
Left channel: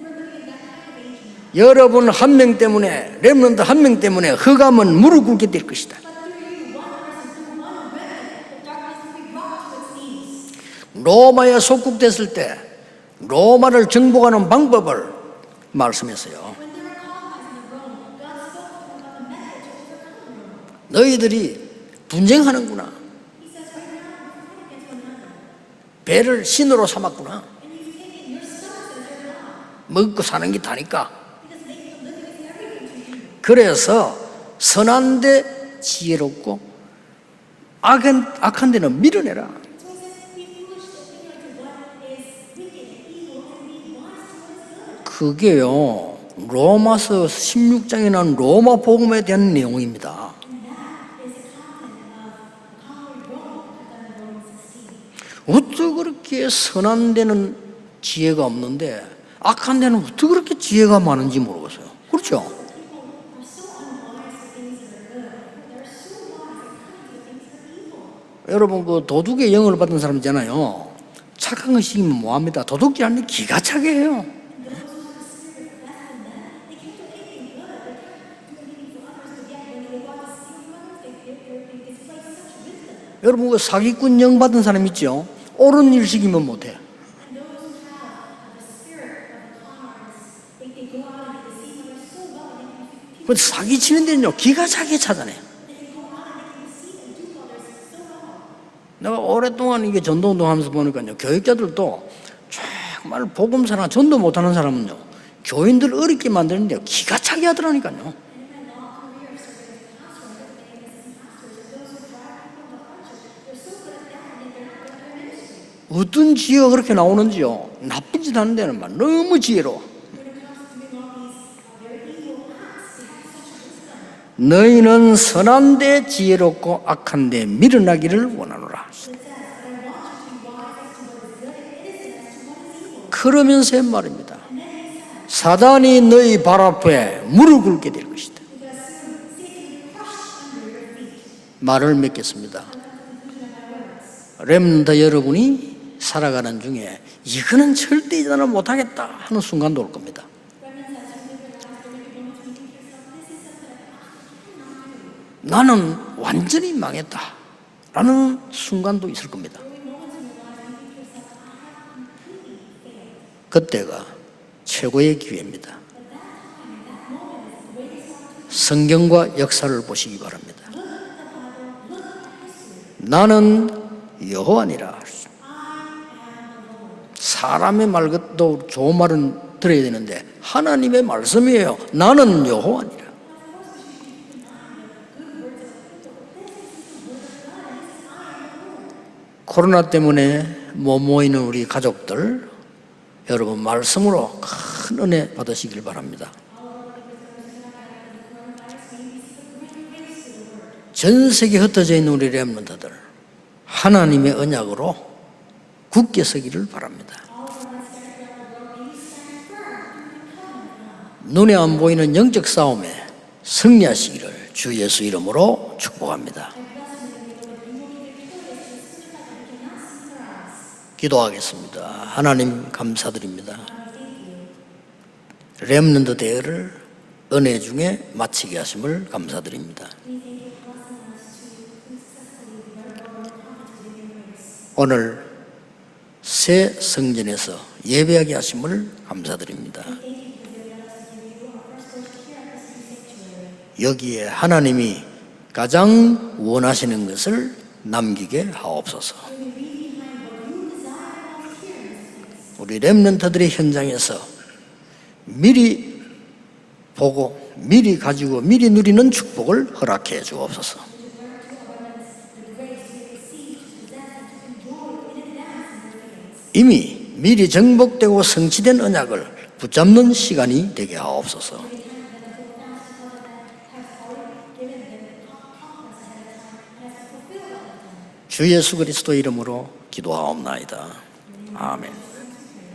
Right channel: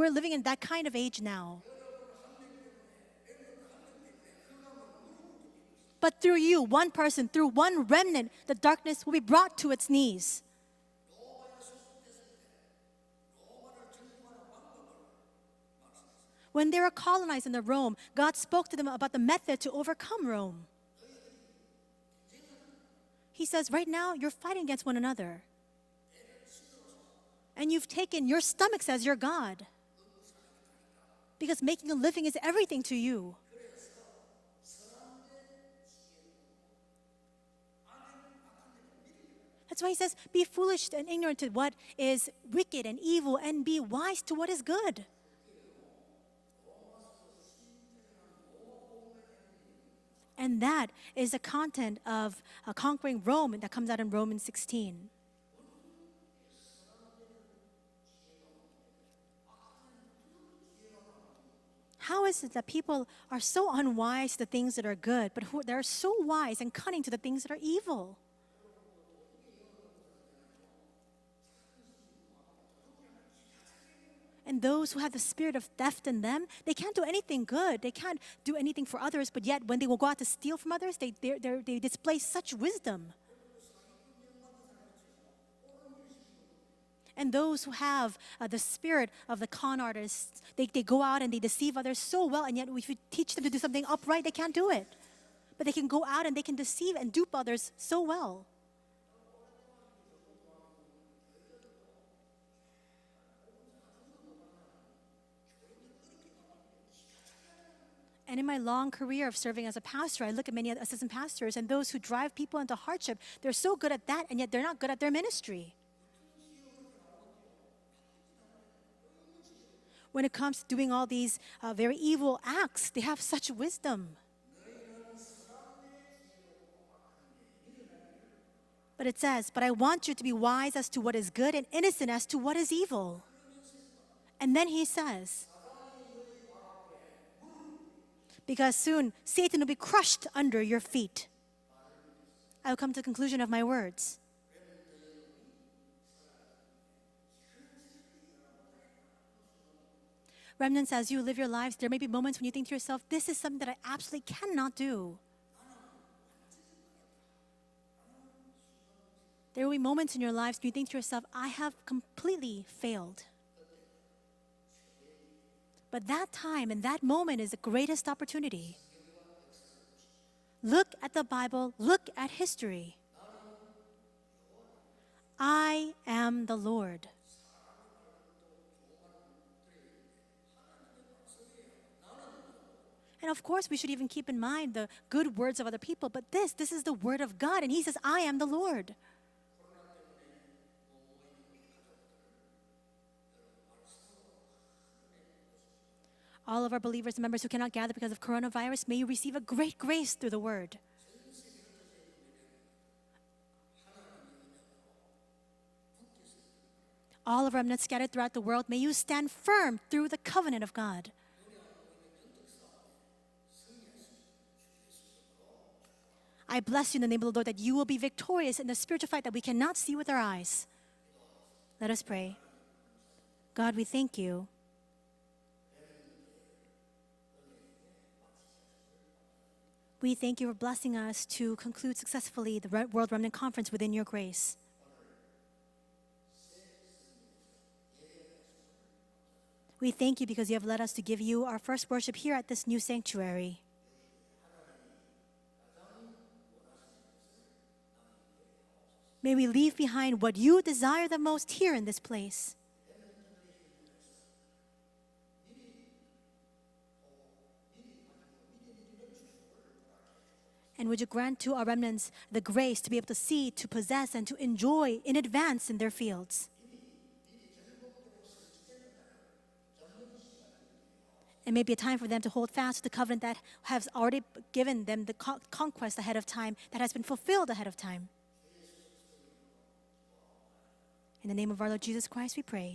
We're living in that kind of age now. 여러분 한 명 때문에, 렘넌트 한 명 때문에 흑암은 무릎 꿇게 될 것이다. But through you, one person, through one remnant, the darkness will be brought to its knees. 로마에 속국됐을 때 로마를 정복하는 방법을 말씀했어요. When they were colonized in Rome, God spoke to them about the method to overcome Rome. 너희들이 분쟁하는구나. He says, right now, you're fighting against one another. 배를 신으로 삼았구나. And you've taken your stomachs as your God. 먹고 사는 게 다니까. Because making a living is everything to you. 그래서 선한데 지혜롭고 악한 데는 밀어내라. That's why he says, be foolish and ignorant to what is wicked and evil, and be wise to what is good. 그게요 로마서 16장에 나온 로마 복음에 대한 내용입니다. And that is the content of conquering Rome that comes out in Romans 16. 어떻게 그렇게 선한 데는 지혜가 없는데 악한 데는 어떻게 그렇게 지혜가 많은지 모르겠어요. How is 그렇죠? it that people are so unwise to the things that are good, but they're so wise and cunning to the things that are evil? 여러분 그 도둑의 영을 받은 사람 있잖아요. 착한 거 시키면 뭐합니다. 도둑질하는 게 기가 차게 해요. And those who have the spirit of theft in them, they can't do anything good. They can't do anything for others, but yet when they will go out to steal from others, they display such wisdom. 여러분 그 사기꾼 영 받은 사람 있죠? 옳은 일 시키면 못해. And those who have the spirit of the con artists, they go out and they deceive others so well, and yet if you teach 그 them 사기 치는 데는요 기가 차게 찾아내. but they can go out and they can deceive and dupe others so well. 내가 오랫동안 이게 전도운동하면서 보니까요 교육자들도 정말 복음사나 전도 못하는 사람은요 교인들 어렵게 만드는데 기가 차게 하더라니까요. And in my long career of serving as a pastor, I look at many assistant pastors and those who drive people into hardship. They're so good at that, and yet they're not good at their ministry. 어떤 지혜가 그렇게 나오는지요. 나쁜 짓 하는 데는 막 너무 지혜로워. When it comes to doing all these very evil acts, they have such wisdom. 너희는 선한데 지혜롭고 악한데 미련하기를 원하노라. But it says, but I want you to be wise as to what is good and innocent as to what is evil. 그러면서 말입니다. And then he says, 사단이 너희 발 앞에 무릎 꿇게 될 것이다. because soon Satan will be crushed under your feet. 말을 맺겠습니다. I'll come to the conclusion of my words. 렘넌트 여러분이 살아가는 중에 이거는 절대 이전을 못하겠다 하는 순간도 올 겁니다. Remnants, as you live your lives, there may be moments when you think to yourself, this is something that I absolutely cannot do. 나는 완전히 망했다 라는 순간도 있을 겁니다. There will be moments in your lives when you think to yourself, I have completely failed. 그때가 최고의 기회입니다. But that time and that moment is the greatest opportunity. 성경과 역사를 보시기 바랍니다. Look at the Bible, look at history. 나는 여호와니라. I am the Lord. 사람의 말도 좋은 말은 들어야 되는데 하나님의 말씀이에요. 나는 여호와니라. And of course we should even keep in mind the good words of other people, but this is the word of God, and he says, I am the Lord. 코로나 때문에 못 모이는 우리 가족들 여러분 말씀으로 큰 은혜 받으시길 바랍니다. All of our believers and members who cannot gather because of coronavirus, may you receive a great grace through the word. 전 세계 흩어져 있는 우리 렘넌트들 하나님의 언약으로 굳게 서기를 바랍니다. All of remnants scattered throughout the world, may you stand firm through the covenant of God. 눈에 안 보이는 영적 싸움에 승리하시기를 주 예수 이름으로 축복합니다. I bless you in the name of the Lord that you will be victorious in the spiritual fight that we cannot see with our eyes. 기도하겠습니다. 하나님 감사드립니다. God, we thank you. 렘넌트 대회를 은혜 중에 마치게 하심을 감사드립니다. We thank you for blessing us to conclude successfully the World Remnant Conference within your grace. 오늘 새 성전에서 예배하게 하심을 감사드립니다. We thank you because you have led us to give you our first worship here at this new sanctuary. 여기에 하나님이 가장 원하시는 것을 남기게 하옵소서. May we leave behind what you desire the most here in this place. 우리 렘넌트들의 현장에서 미리 보고 미리 가지고 미리 누리는 축복을 허락해 주옵소서. And would you grant to our remnants the grace to be able to see, to possess, and to enjoy in advance in their fields. 이미 미리 정복되고 성취된 언약을 붙잡는 시간이 되게 하옵소서. It may be a time for them to hold fast to the covenant that has already given them the conquest ahead of time, that has been fulfilled ahead of time. 주 예수 그리스도 이름으로 기도하옵나이다. In the name of our Lord 아멘. Jesus Christ we pray.